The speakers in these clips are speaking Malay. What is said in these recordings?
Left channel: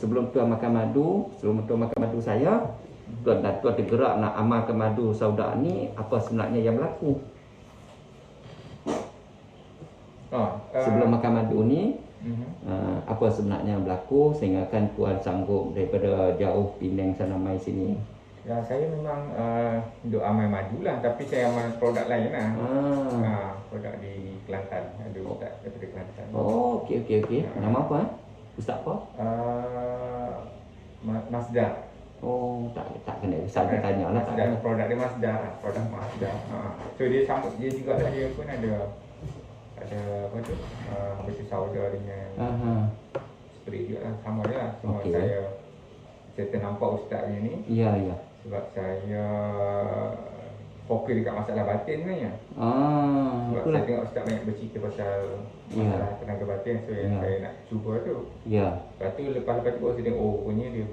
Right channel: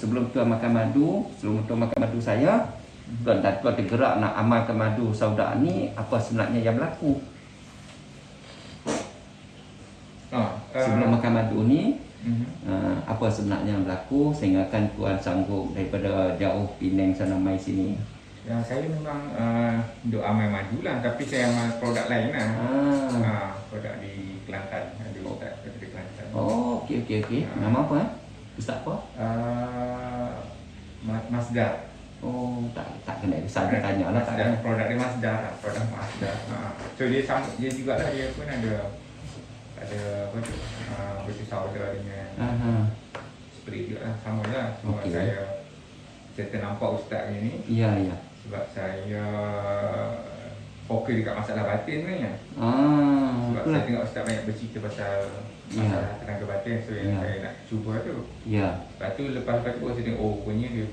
sebelum tuan makan madu, saya, tuan tergerak nak amalkan madu sauda ni, apa sebenarnya yang berlaku? Sebelum makan madu ni, apa sebenarnya yang berlaku sehingga kan tuan sanggup daripada jauh Penang sana mai sini? Ya, saya memang duk amal madu lah, tapi saya amal produk lain lah. Produk di Kelantan, ada ustaz di Kelantan. Oh, okey. Nama apa Ustaz apa? Masdar. Oh, tak kena saja tanya lah, tak ada. Produk dia Masdar, produk Masdar. So dia sama, dia juga lah, dia pun ada apa tu? Pisau dia dengan spray juga lah, sama lah. Cuma saya ternampak ustaz ni. Ya. Sebab saya fokus dekat masalah batin sebenarnya. Sebab saya tengok ustaz banyak bercerita pasal masalah tenaga batin, so saya nak cuba tu. Lepas tu lepas tu saya tengok, oh punya dia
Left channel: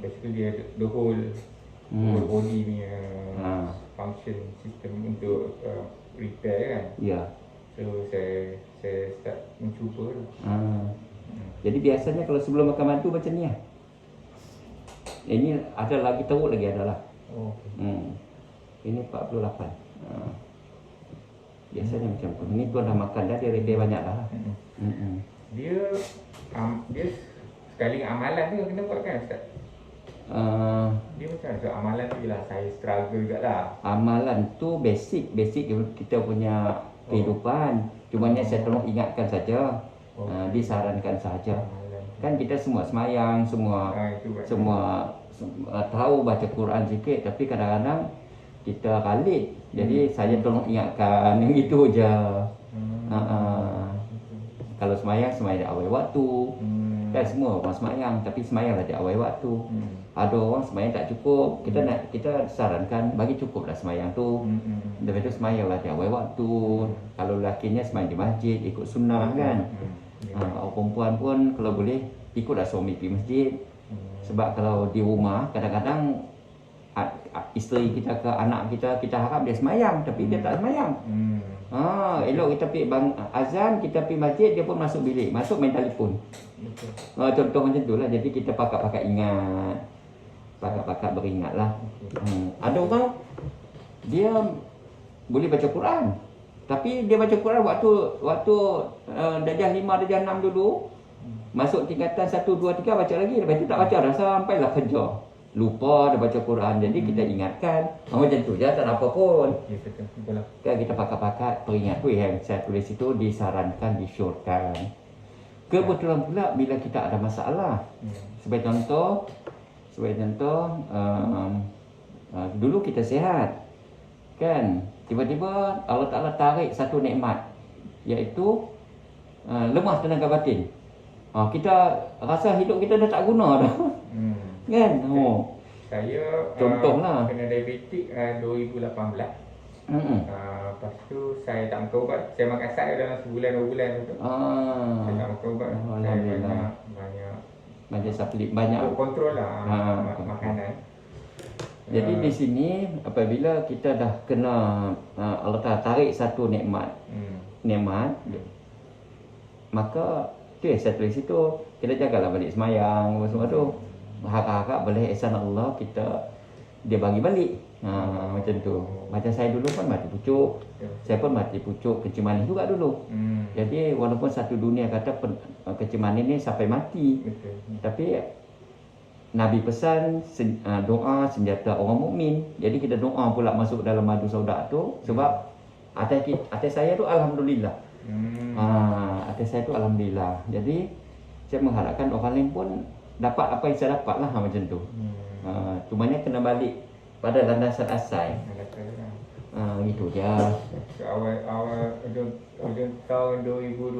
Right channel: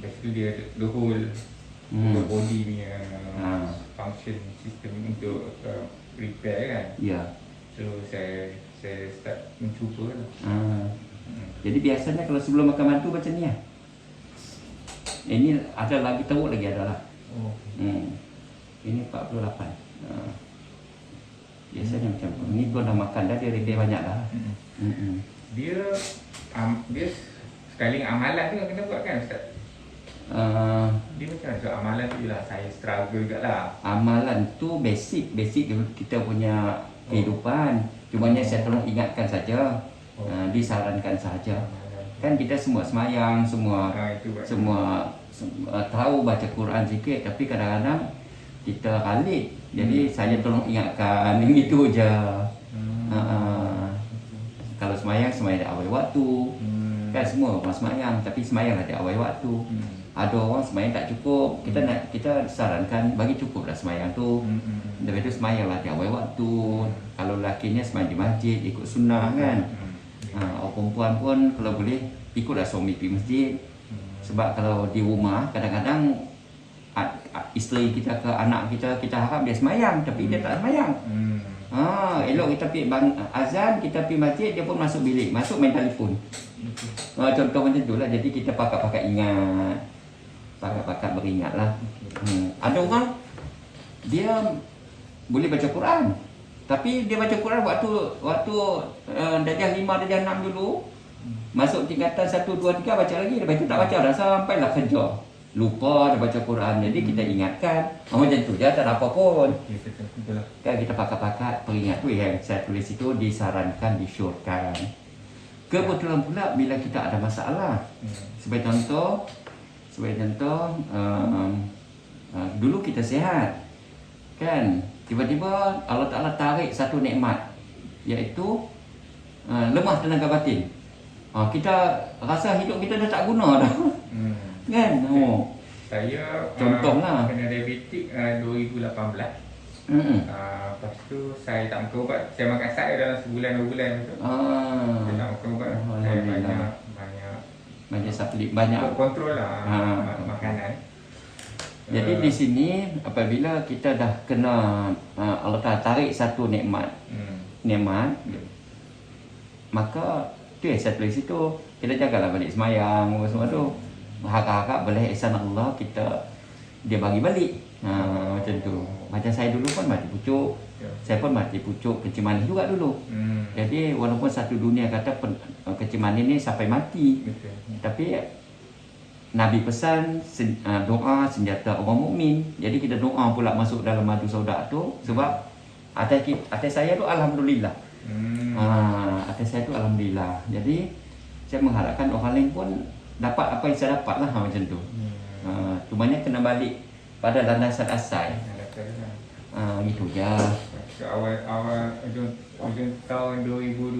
basically dia the whole body punya function system untuk repair kan. So saya start mencuba lah. Jadi biasanya kalau sebelum makan madu macam ni lah. Ini ada lagi teruk lagi adalah. Ini 48. Biasanya macam tu. Ini tuan dah makan dah, dia banyak dah. Dia sekali amalan tu yang kena buat kan Ustaz? Dia macam mana? So amalan tu jelas saya struggle juga lah. Amalan tu basic kita punya kehidupan. Cumanya saya tolong ingatkan saja. Disarankan saja. Kan kita semua semayang, semua tahu baca Quran sikit, tapi kadang-kadang kita khalid. Jadi saya tolong ingatkan, itu je. Kalau semayang di awal waktu. Kan semua orang semayang, tapi semayanglah di awal waktu. Ada orang semayang tak cukup, kita sarankan bagi cukuplah semayang tu. Lepas tu semayanglah di awal waktu. Kalau lakinya semayang di masjid, ikut sunnah kan. Orang perempuan pun kalau boleh ikutlah suami pergi masjid. Sebab kalau di rumah kadang-kadang isteri kita ke anak kita harap dia semayang, tapi dia tak semayang. Elok kita pergi azan, kita pergi masjid, dia pun masuk bilik, masuk main telefon. Contoh macam tu lah. Jadi kita pakat-pakat ingat, pakat-pakat beringat lah. Ada orang dia boleh baca Quran, tapi dia baca Quran waktu darjah 5, darjah 6 dulu. Masuk tingkatan 1, 2, 3 baca lagi. Lepas itu tak baca dah sampailah kerja. Lupa dah baca Quran. Jadi kita ingatkan. Macam tu je, tak ada apa pun. Kan kita pakat-pakat peringat tu yang saya tulis itu disarankan, disyorkan. Kebetulan pula bila kita ada masalah. Sebagai contoh dulu kita sihat. Kan? Tiba-tiba Allah Ta'ala tarik satu nikmat, iaitu lemah tenaga batin. Kita rasa hidup kita dah tak guna dah. Kan? Saya contohlah kena diabetik 2018. Lepas tu saya tak makan ubat. Saya makan sat dalam sebulan 2 bulan tu. Saya tak makan ubat. Saya banyak supplement, banyak kontrol lah makanan. Jadi di sini apabila kita dah kena Allah Ta'ala tarik satu nikmat, maka tu yang saya tulis itu, kita jagalah balik semayang semua tu. Harap-harap boleh ihsan Allah dia bagi balik. Macam tu. Macam saya dulu pun mati pucuk. Saya pun mati pucuk kecil manis juga dulu. Jadi walaupun satu dunia kata kecil manis ni sampai mati, tapi Nabi pesan doa senjata orang mukmin. Jadi kita doa pula masuk dalam madu sauda tu. Sebab atas saya tu alhamdulillah. Atas saya tu alhamdulillah. Jadi saya mengharapkan orang lain pun dapat apa yang saya dapat lah macam tu. Cumanya kena balik pada landasan asal. Gitu je. Awal tahun 2020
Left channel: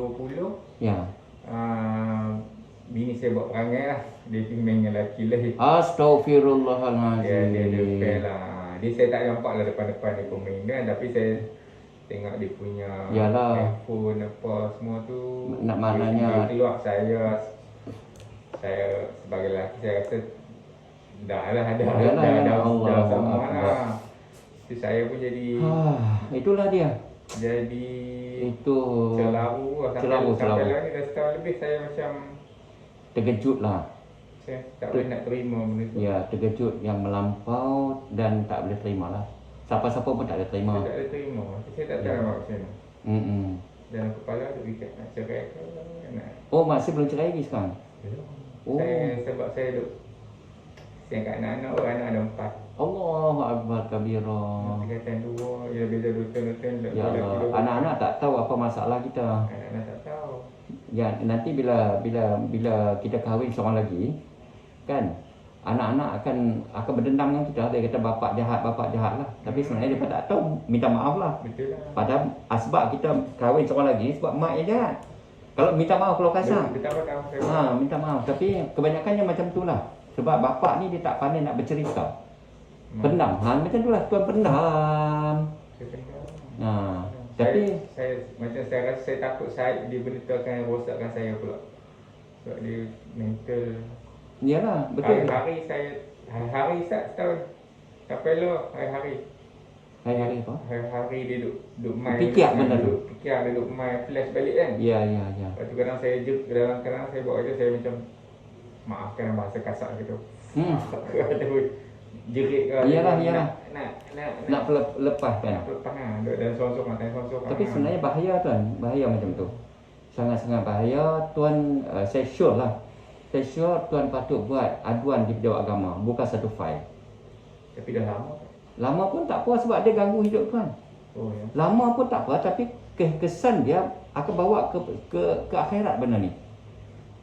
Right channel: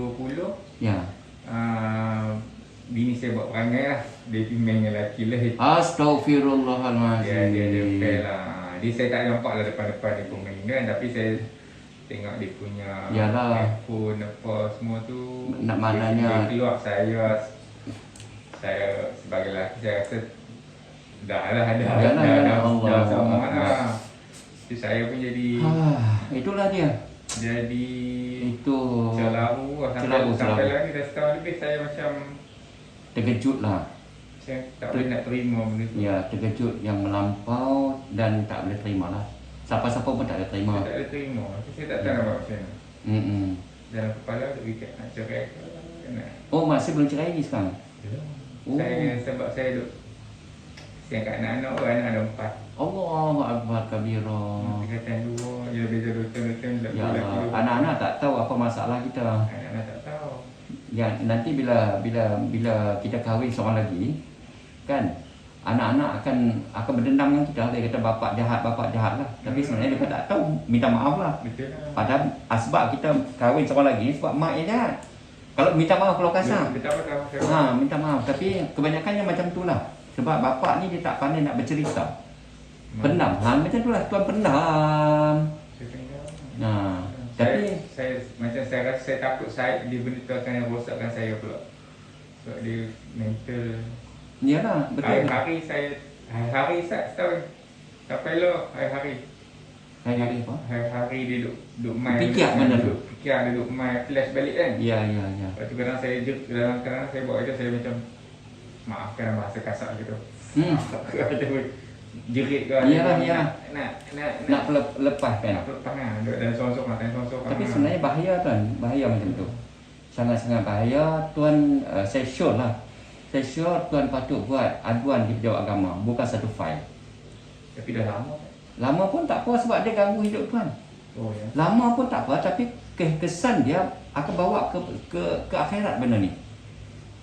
bini saya buat perangai lah. Dia pergi main dengan lelaki lah. Astaghfirullahaladzim. Dia fail lah. Dia saya tak nampak lah depan-depan dia pun main kan. Tapi saya tengok dia punya iPhone apa semua tu. Nak maknanya dia keluar saya sebagai lelaki saya rasa dah sama lah. Jadi saya pun jadi itulah dia. Jadi itu celaru sampai lagi dah setahun lebih saya macam terkejut lah. Saya tak boleh nak terima benda tu. Ya, terkejut yang melampau dan tak boleh terima lah. Siapa-siapa pun tak boleh terima. Saya tak boleh terima. Saya tak tahu nak buat macam mana. Dalam kepala tak boleh nak cerai. Oh, masih belum cerai lagi sekarang? Oh. Sebab saya duduk saya kat anak-anak pun, anak ada 4. Allahu Akbar kabira. Tingkatan 2, dia beza 2 tahun. Ya Allah, anak-anak tak tahu apa masalah kita. Anak-anak tak tahu. Ya, nanti bila kita kahwin seorang lagi, kan, anak-anak akan berdendam dengan kita. Dia kata bapak jahat lah. Tapi sebenarnya dia tak tahu, minta maaf lah. Betul lah. Padahal sebab kita kahwin seorang lagi, sebab mak yang jahat. Kalau minta maaf kalau kasar. Minta maaf. Tapi kebanyakannya macam tu lah. Sebab bapak ni dia tak pandai nak bercerita. Pendam. Macam tu lah, tuan pendam. Tapi saya rasa saya takut saya dia benda tu akan rosakkan saya pula. Sebab dia mental. Iyalah, betul. Hari-hari saya setahun. Sampai lo hari-hari. Hari-hari apa? Hari-hari dia duduk main. Fikir benda tu. Fikir dia duduk main flash balik kan. Ya. Lepas tu kadang saya bawa je saya macam maafkan bahasa kasar gitu. Jerit ke. Iyalah. Nak lepas kan. Nak lepas kan. Dan sorang-sorang. Tapi sebenarnya bahaya kan. Bahaya macam tu. Sangat-sangat bahaya. Tuan, saya sure lah. Saya sure tuan patut buat aduan di Pejabat Agama. Bukan satu fail. Tapi dah lama. Lama pun tak apa sebab dia ganggu hidup tuan. Oh ya. Lama pun tak apa tapi kesan dia akan bawa ke akhirat benda ni.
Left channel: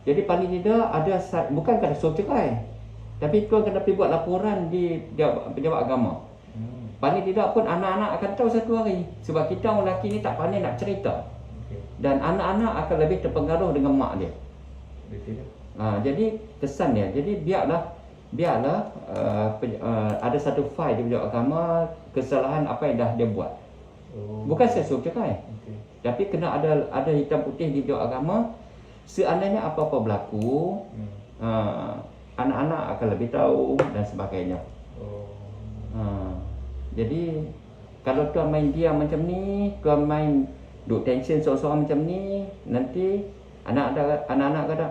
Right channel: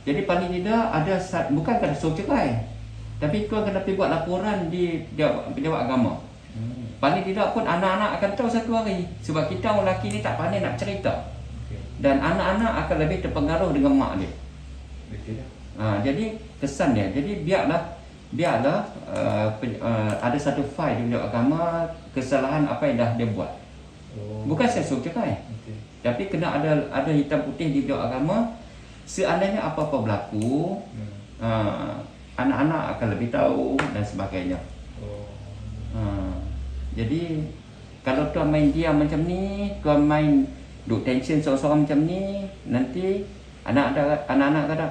Jadi paling tidak ada bukan kata suruh cerai. Tapi tuan kena pergi buat laporan di Pejabat Agama. Paling tidak pun anak-anak akan tahu satu hari. Sebab kita orang lelaki ni tak pandai nak cerita. Dan anak-anak akan lebih terpengaruh dengan mak dia. Jadi kesan dia. Jadi biarlah ada satu file di Pejabat Agama kesalahan apa yang dah dia buat. Bukan saya suruh cerai. Tapi kena ada hitam putih di Pejabat Agama. Seandainya apa-apa berlaku, anak-anak akan lebih tahu dan sebagainya. Jadi kalau tuan main diam macam ni, tuan main duk tension seorang-seorang macam ni, nanti anak-anak kata,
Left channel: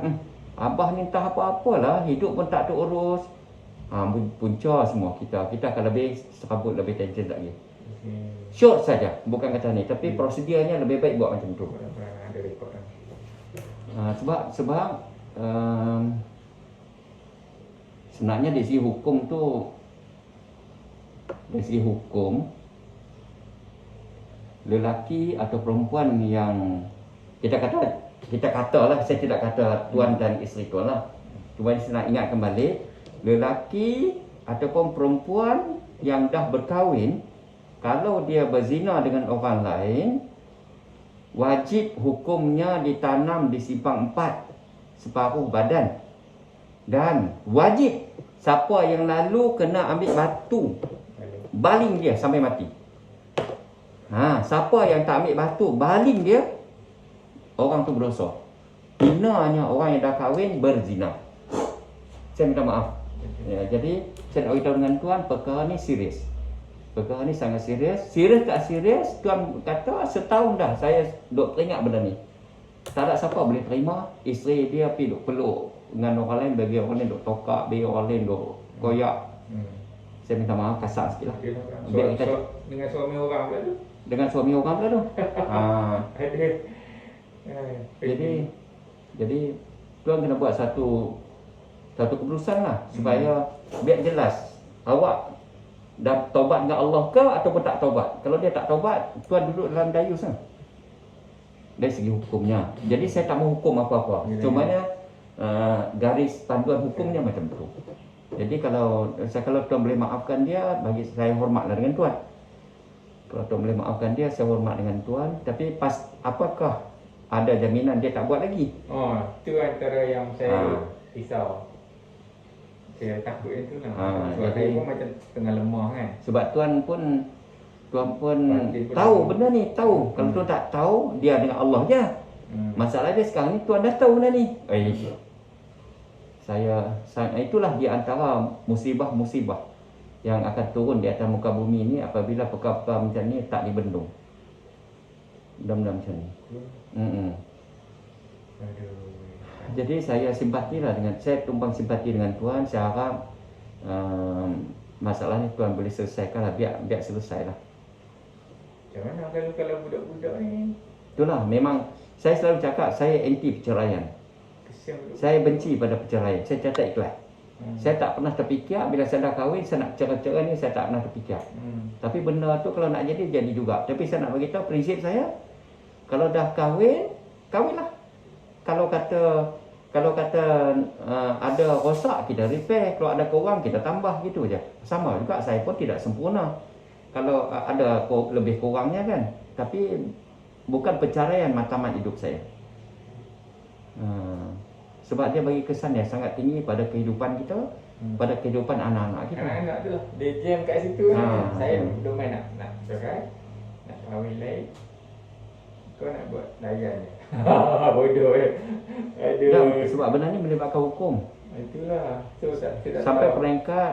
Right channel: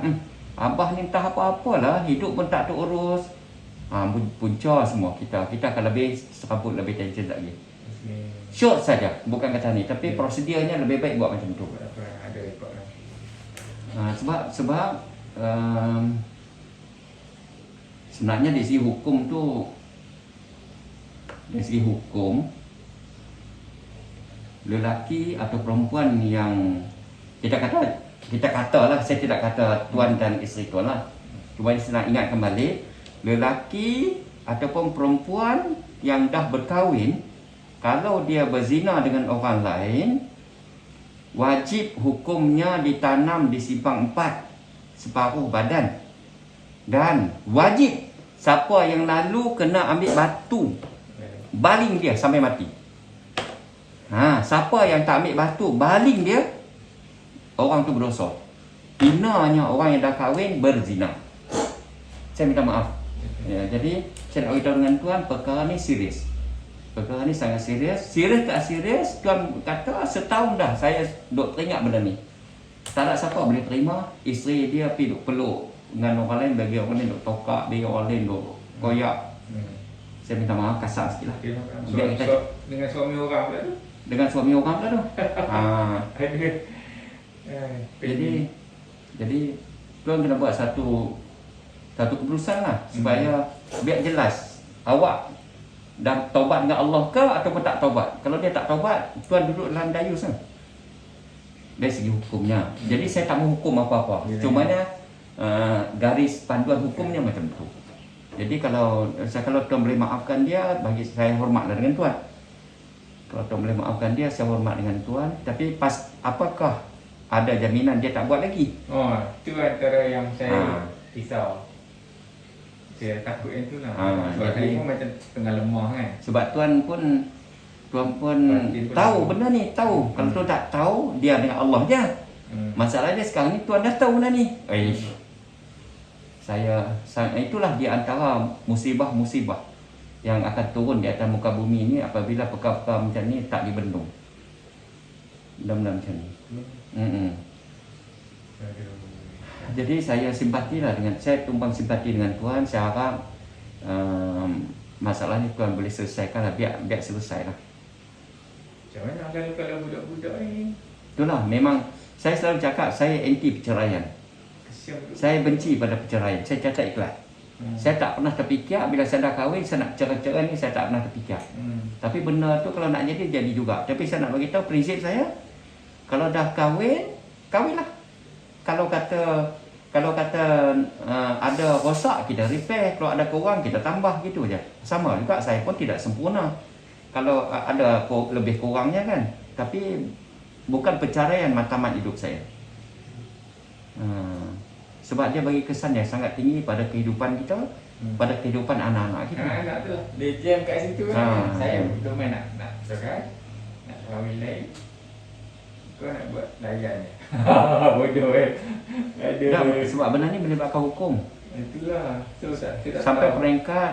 abah ni entah apa-apalah, hidup pun tak terurus. Punca semua kita akan lebih serabut, lebih tension lagi. Short saja, bukan kata ni, tapi prosedurnya lebih baik buat macam tu. Sebab sebenarnya dari segi hukum tu, lelaki atau perempuan yang kita katalah, saya tidak kata tuan dan isteri tuan lah. Cuma saya nak ingatkan balik, lelaki ataupun perempuan yang dah berkahwin, kalau dia berzina dengan orang lain, wajib hukumnya ditanam di simpang 4 separuh badan. Dan wajib siapa yang lalu kena ambil batu baling dia sampai mati. Siapa yang tak ambil batu baling dia, orang tu berdosa. Hinanya orang yang dah kahwin berzina. Saya minta maaf. Jadi saya nak beritahu dengan tuan, perkara ni serius. Perkara ni sangat serius. Serius tak serius, tuan kata setahun dah saya duk teringat benda ni. Tak ada siapa boleh terima isteri dia pergi duk peluk dengan orang lain, bagi orang lain duk tokak, bagi orang lain duk koyak. Saya minta maaf kasar sikit lah. Dengan suami orang pula tu? Dengan suami orang pula tu. Jadi tuan kena buat satu keputusan lah, supaya biar jelas awak dah taubat dengan Allah ke ataupun tak taubat. Kalau dia tak taubat, tuan duduk dalam dayus lah dari segi hukumnya. Jadi saya tak mau hukum apa-apa, cumanya garis panduan hukumnya macam tu. Jadi kalau tuan boleh maafkan dia, bagi saya hormatlah dengan tuan. Kalau tuan boleh maafkan dia, saya hormat dengan tuan. Tapi apakah ada jaminan dia tak buat lagi? Itu antara yang saya risau. Saya takut yang tu lah. Sebab saya pun macam tengah lemah kan. Sebab tuan pun tahu benda ni, tahu. Kalau tuan tak tahu, dia dengan Allah je. Masalah dia sekarang ni tuan dah tahu benda ni. Itulah di antara musibah-musibah yang akan turun di atas muka bumi ni apabila perkara-perkara macam ni tak dibendung. Mudah-mudahan macam ni. Jadi saya simpatilah saya tumpang simpati dengan Tuhan. Saya harap masalah ni Tuhan boleh selesaikan lah. Biar selesai lah. Macam mana kalau budak-budak ni? Itulah, memang saya selalu cakap saya anti perceraian. Saya benci pada perceraian. Saya catat ikhlas. Saya tak pernah terfikir bila saya dah kahwin saya nak cerai-cerai ni, saya tak pernah terfikir. Tapi benda tu kalau nak jadi juga. Tapi saya nak bagi tahu prinsip saya, kalau dah kahwinlah. Kalau kata ada rosak kita repair, kalau ada kurang kita tambah, gitu je. Sama juga saya pun tidak sempurna. Kalau ada lebih kurangnya kan. Tapi bukan perceraian matlamat hidup saya. Sebab dia bagi kesan yang sangat tinggi pada kehidupan kita, pada kehidupan anak-anak kita. Anak tu dia jam kat situ lah. Saya belum main nak cakap nak kahwin lain. Kau nak buat layan ni. Bodoh Sebab benda ni melibatkan hukum. Itulah.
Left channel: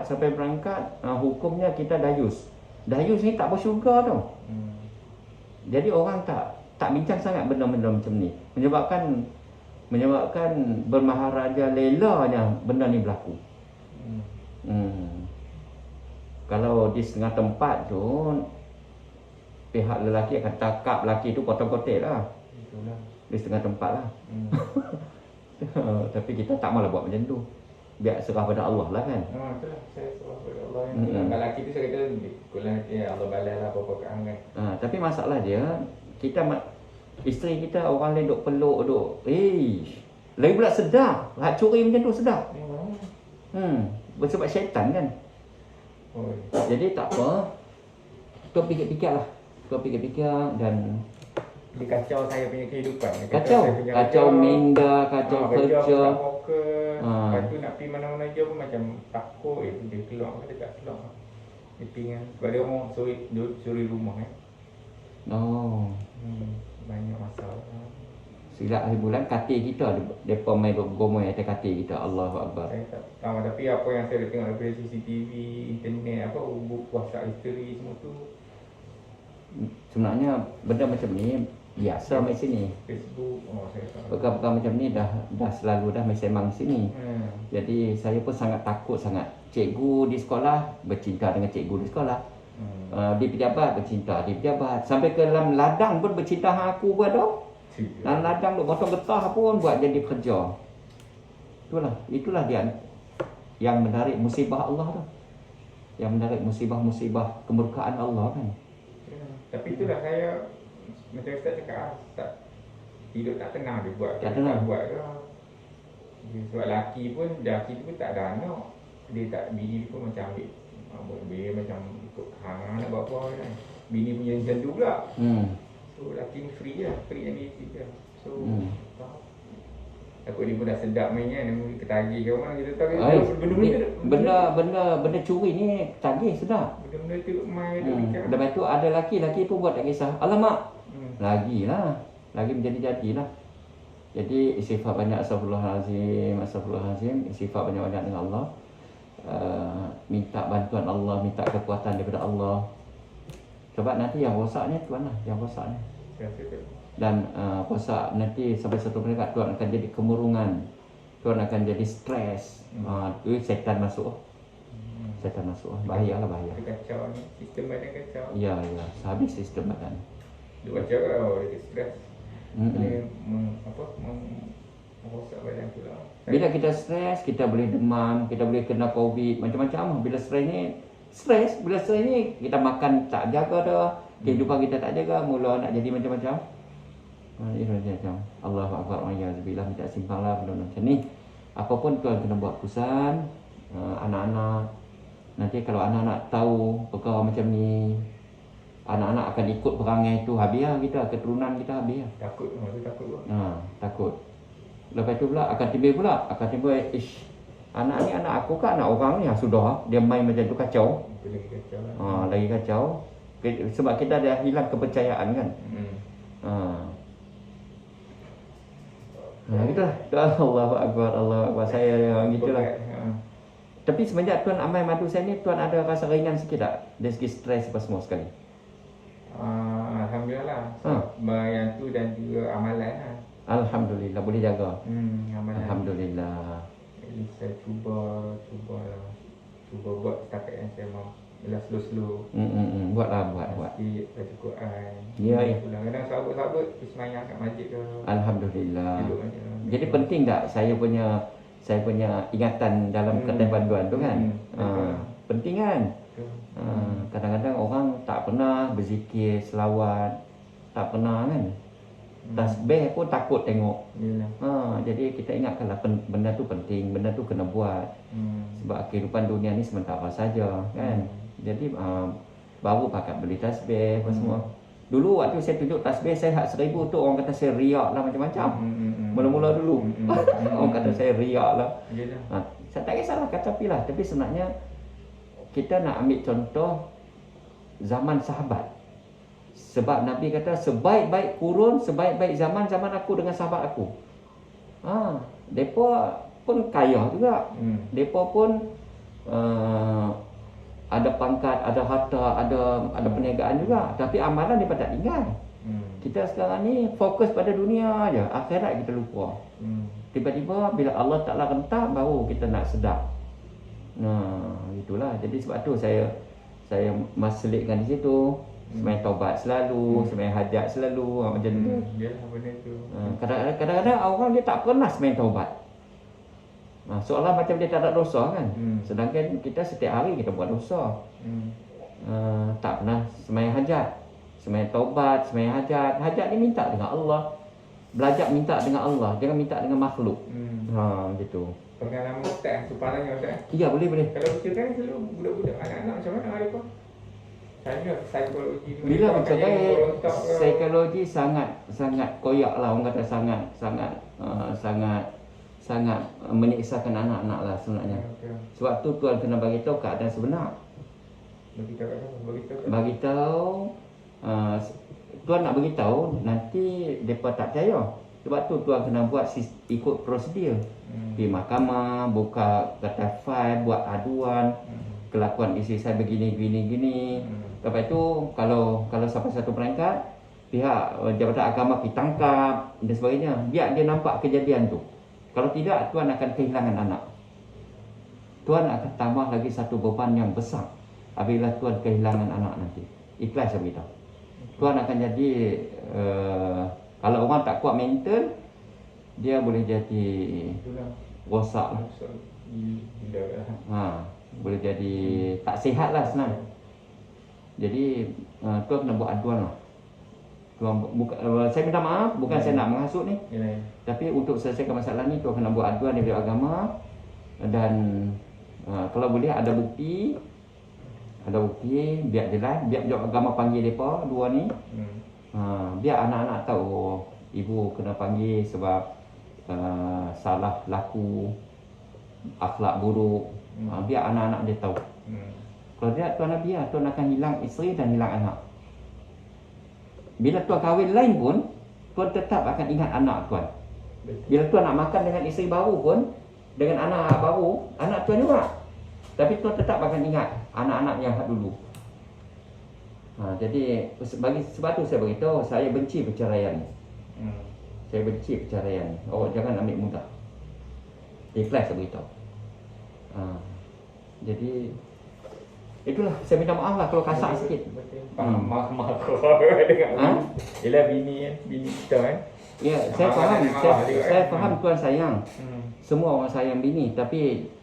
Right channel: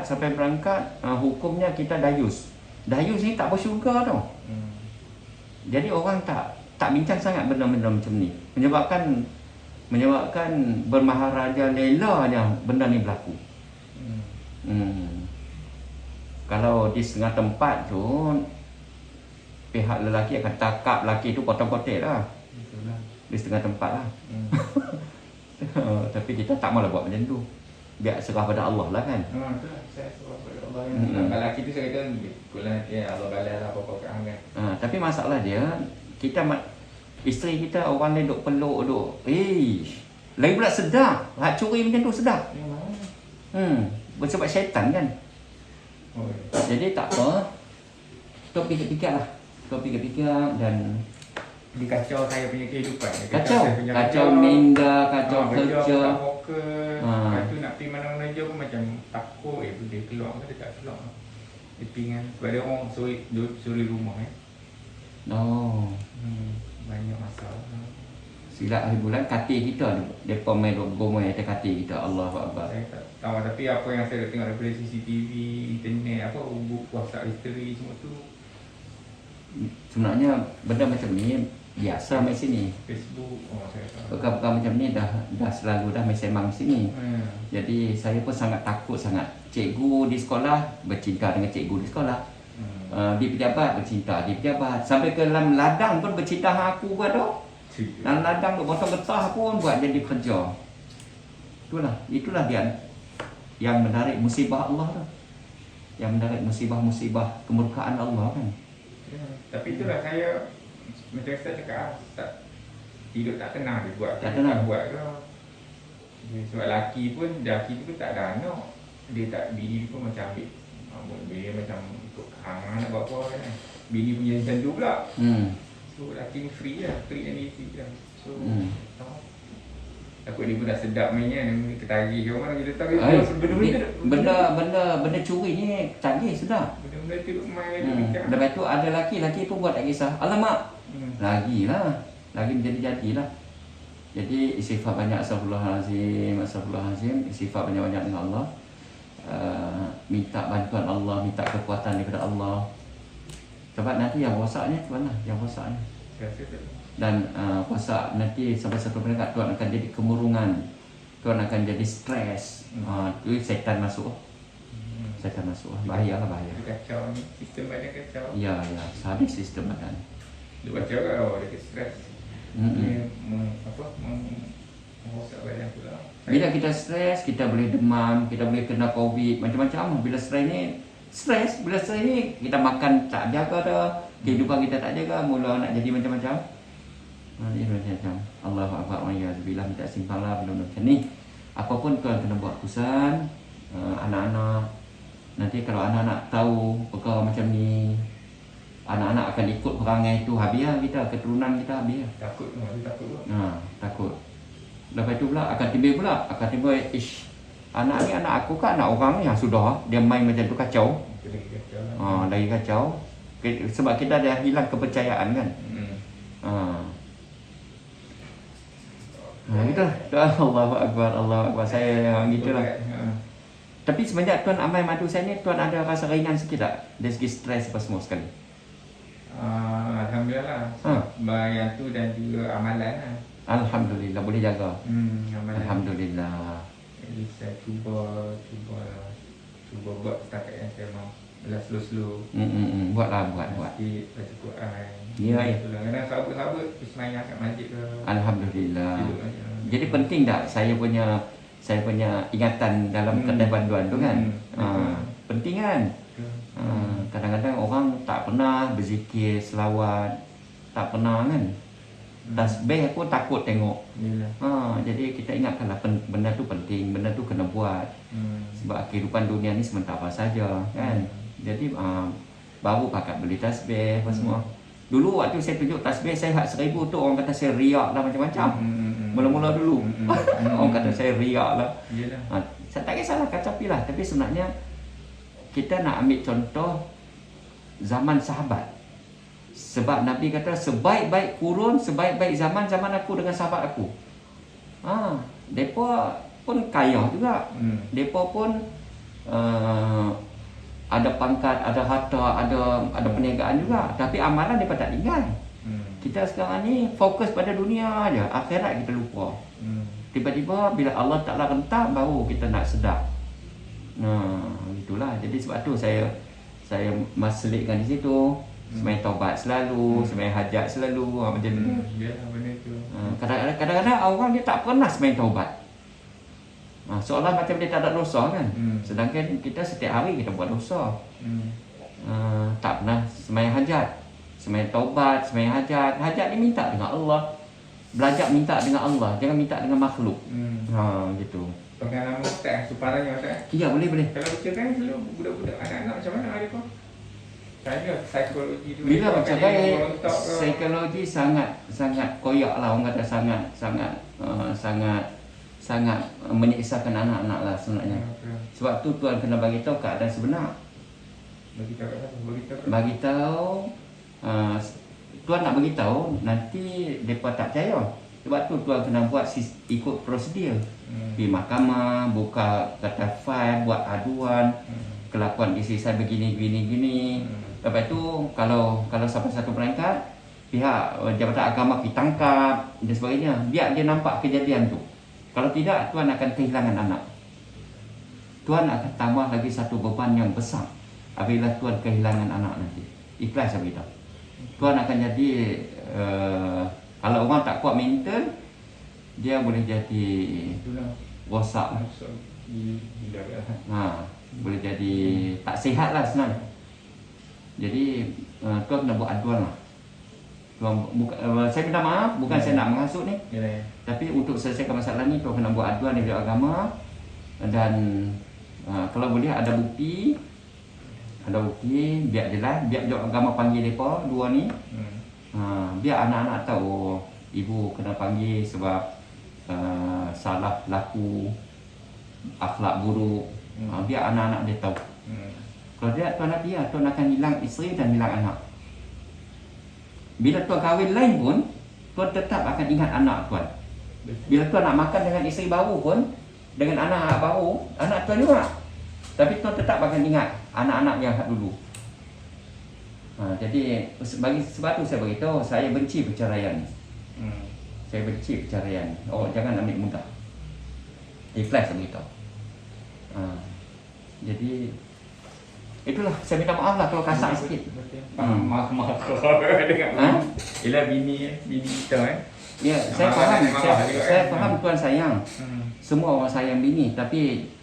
Sampai perangkat hukumnya kita dayus. Dayus ni tak bersyurga tau. Jadi orang tak bincang sangat benda-benda macam ni. Menyebabkan bermaharaja lelanya benda ni berlaku. Kalau di setengah tempat tu pihak lelaki akan takap lelaki tu potong-kotek lah. Di setengah tempat lah. Tapi kita tak maulah buat macam tu. Biar serah pada Allah lah kan. Itulah, saya serah pada Allah. Kalau lelaki tu saya kata pula Allah balas lah apa-apa kat hang kan. Tapi masalah dia, isteri kita orang lain duk peluk duk. Lagi pula sedar. Hak curi macam tu sedar. Sebab syaitan kan. Jadi tak apa. Kau fikir-fikir lah. Kau fikir-fikir dan dia kacau saya punya kehidupan. Kacau minda, kacau kerja. Lepas tu nak pergi mana-mana je pun macam takut. Dia keluar ke dia tak keluar. Dia pinggan. Sebab dia orang suri rumah banyak masalah. Silap hari bulan katil kita depa main gomoi atas katil kita. Allahu akbar. Saya tak tahu, tapi apa yang saya tengok daripada CCTV, internet, WhatsApp history semua tu. Sebenarnya benda macam ni biasa mai sini. Facebook, saya tahu. Perkara-perkara macam ni dah selalu dah mai semang sini. Jadi saya pun sangat takut sangat. Cikgu di sekolah bercinta dengan cikgu di sekolah. Di pejabat bercinta di pejabat. Sampai ke dalam ladang pun bercinta dengan aku buat dah. Dalam ladang duk potong getah pun buat jadi kerja. Itulah dia yang menarik musibah Allah dah. Yang menarik musibah-musibah kemurkaan Allah kan. Tapi itulah saya macam saya cakap hidup tak tenang dia buat. Tak tenang. Buat ke. Sebab lelaki pun tak ada anak. Dia tak bini pun macam ambil dia macam untuk hang nak buat apa kan. Bini punya sendu pula. So lelaki ni free lah, free and easy lah. So takut dia pun dah sedap mainnya, dia ketagih ke orang kita tahu benda curi ni tagih sedap. Benda-benda tu main. Lepas tu ada laki pun buat tak kisah. Alamak. Lagi menjadi-jadilah. Jadi istighfar banyak, astagfirullahalazim, istighfar banyak-banyak dengan Allah. Minta bantuan Allah, minta kekuatan daripada Allah. Sebab nanti yang rosaknya Tuhan lah, yang rosaknya. Dan rosak nanti sampai satu peringkat Tuhan akan jadi kemurungan. Tuhan akan jadi stres. Tu syaitan masuk. Syaitan masuk. Bahaya. Kacau ni, sistem badan kacau. Ya, habis sistem badan. Dia baca dia stres. Merosak badan pula. Bila kita stres, kita boleh demam, kita boleh kena COVID, macam-macam. Bila stres ni kita makan tak jaga dah, kehidupan kita tak jaga, mula nak jadi macam-macam. Allahu akbar, wa'iyyazubillah, minta simpanglah benda macam ni. Apapun Tuhan kena buat keputusan. Anak-anak nanti kalau anak-anak tahu perkara macam ni, anak-anak akan ikut perangai tu, habis kita, keturunan kita habis. Takut. Lepas tu pula akan timbul anak ni anak aku kan, anak orang ni sudah dia main macam tu kacau. Lagi kacau. Sebab kita dah hilang kepercayaan kan. Gitulah. Allahu akbar. Saya gitulah. Tapi semenjak Tuan amal madu saya ni, Tuan ada rasa ringan sikit tak? Dari segi stres apa semua sekali? Alhamdulillah lah. Yang tu dan juga amalan lah. Alhamdulillah boleh jaga. Alhamdulillah. Jadi saya cuba buat setakat yang saya mampu, slow. Buat. Sikit baca Quran. Ya. Kadang-kadang sabut semayang kat masjid ke. Alhamdulillah. Jadi penting tak saya punya ingatan dalam kedai panduan tu kan? Penting kan? Kadang-kadang orang tak pernah berzikir, selawat, tak pernah kan? Tasbih pun takut tengok. Jadi kita ingatkanlah benda tu penting, benda tu kena buat. Sebab kehidupan dunia ni sementara saja kan. Jadi baru pakat beli tasbih apa semua. Dulu waktu saya tunjuk tasbih saya hak 1000 tu orang kata saya riak lah macam-macam. Mula-mula dulu orang kata saya riak lah. Saya tak kisahlah kata pilah, tapi sebenarnya kita nak ambil contoh zaman sahabat. Sebab Nabi kata sebaik-baik kurun, sebaik-baik zaman aku dengan sahabat aku. Depa pun kaya juga. Depa pun ada pangkat, ada harta, ada perniagaan juga. Tapi amalan depa tak tinggal. Kita sekarang ni fokus pada dunia aja, akhirat kita lupa. Tiba-tiba bila Allah Taala rentak baru kita nak sedar. Itulah. Jadi sebab tu saya selitkan di situ. Sembahyang taubat selalu, sembahyang hajat selalu, macam tu. Kadang-kadang orang dia tak pernah sembahyang taubat. Seolah macam dia tak ada dosa kan. Sedangkan kita setiap hari kita buat dosa. Tak pernah sembahyang hajat, sembahyang taubat, sembahyang hajat. Hajat ni minta dengan Allah. Belajar minta dengan Allah, jangan minta dengan makhluk. Gitu. Pengalaman Ustaz, suparannya Ustaz. Ya, boleh. Kalau kita kan selalu budak-budak anak-anak macam mana hari tu? Saya psikologi dulu. Bila mencapai psikologi sangat koyak lah, orang kata sangat menyiksakan anak-anak lah sebenarnya. Sebab tu Tuhan kena bagi tahu keadaan sebenar. Bagi tahu Tuhan nak bagi tahu nanti depa tak percaya. Sebab tu Tuhan kena buat ikut prosedur. Pergi mahkamah, buka kata file, buat aduan. Kelakuan isteri saya begini. Lepas tu kalau sampai satu peringkat, pihak Jabatan Agama pergi tangkap dan sebagainya. Biar dia nampak kejadian tu. Kalau tidak, Tuan akan kehilangan anak. Tuan akan tambah lagi satu beban yang besar apabila Tuan kehilangan anak nanti. Ikhlas saya beritahu. Tuan akan jadi kalau orang tak kuat mental, dia boleh jadi rosak. Boleh jadi tak sihat lah senang. Jadi Tuan kena buat aduan lah. Saya minta maaf, bukan saya nak menghasut ni. Tapi untuk selesaikan masalah ni Tuan kena buat aduan dari agama. Dan kalau boleh ada bukti, biar jelas, biar agama panggil mereka dua ni. Biar anak-anak tahu ibu kena panggil sebab salah laku, akhlak buruk. Biar anak-anak dia tahu. Kalau dia Tuan nak biar, Tuan akan hilang isteri dan hilang anak. Bila Tuan kahwin lain pun, Tuan tetap akan ingat anak Tuan. Bila Tuan nak makan dengan isteri baru pun, dengan anak baru, anak Tuan juga. Tapi Tuan tetap akan ingat anak-anak yang dulu. Jadi sebab tu saya beritahu, saya benci perceraian. Saya benci perceraian. Jangan ambil mudah. Ikhlas saya beritahu. Jadi itulah, saya minta maaf lah kalau kasar sikit. Maaf dengan ialah bini kita Ya, saya faham Tuan sayang. Semua orang sayang bini, tapi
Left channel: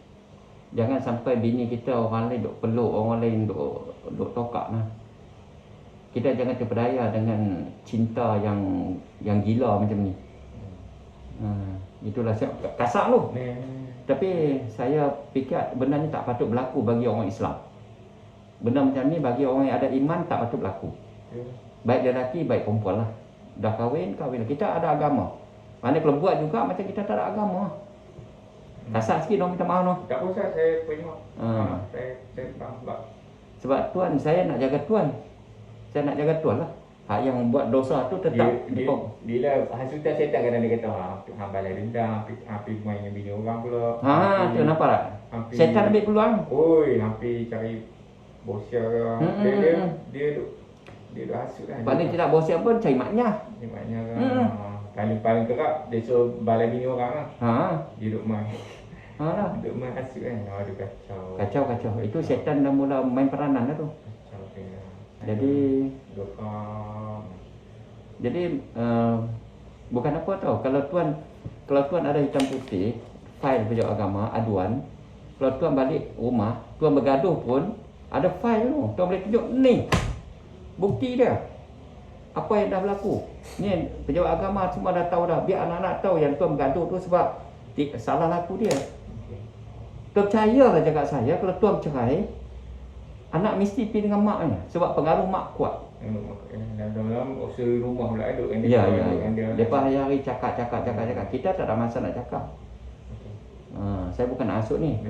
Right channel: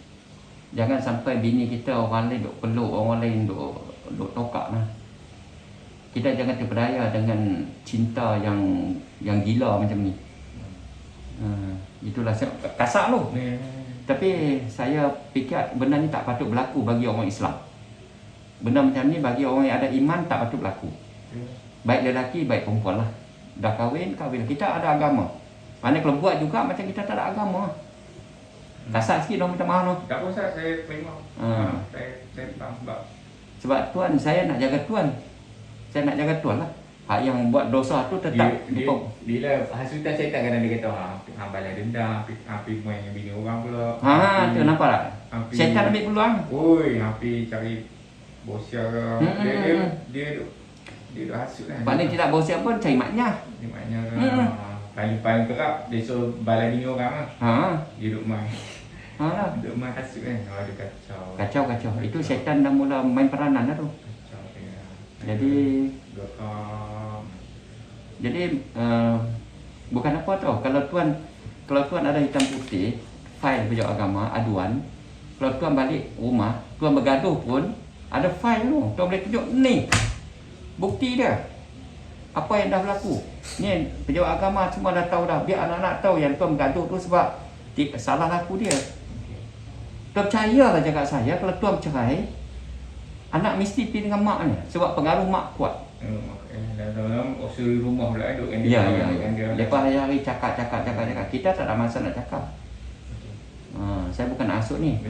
jangan sampai bini kita orang lain duk peluk, orang lain duk tokak lah. Kita jangan terpedaya dengan cinta yang gila macam ni. Itulah kasar tu. Tapi saya fikir benda ni tak patut berlaku bagi orang Islam. Benda macam ni bagi orang yang ada iman tak patut berlaku. Baik lelaki, baik perempuan lah. Dah kahwin. Kita ada agama. Mana kalau buat juga macam kita tak ada agama. Kasar sikit dong, minta maaf dong. Tak usah, saya memang saya faham sebab Tuan, saya nak jaga Tuan. Saya nak jaga Tuan lah. Hak yang buat dosa tu tetap dia hasutan syaitan kadang dia kata hang balas dendam, hampir main dengan bini orang pula. Tu nampak tak? Syaitan ambil peluang. Hampir cari bosia ke. Dia duk hasut kan. Paling tidak bosia pun cari maknya. Maknya kan. paling kerap dia suruh balai bini orang lah. Duduk rumah. Lah. Duduk rumah kasut kan. Dia kacau. Kacau. Itu syaitan dah mula main peranan dah tu. Kacau dia. Jadi Dokam. Bukan apa tau. Kalau tuan ada hitam putih, fail pejabat agama, aduan. Kalau tuan balik rumah, tuan bergaduh pun ada fail tu. Tuan boleh tunjuk ni. Bukti dia. Apa yang dah berlaku. Ni pejabat agama semua dah tahu dah. Biar anak-anak tahu yang tuan bergaduh tu sebab salah laku dia. Tuan percayalah cakap saya, kalau tuan cerai, anak mesti pergi dengan maknya sebab pengaruh mak kuat. Dalam usul rumah pula ada kan. Ya. Lepas hari-hari cakap. Kita tak ada masa nak cakap. Saya bukan nak asuk ni.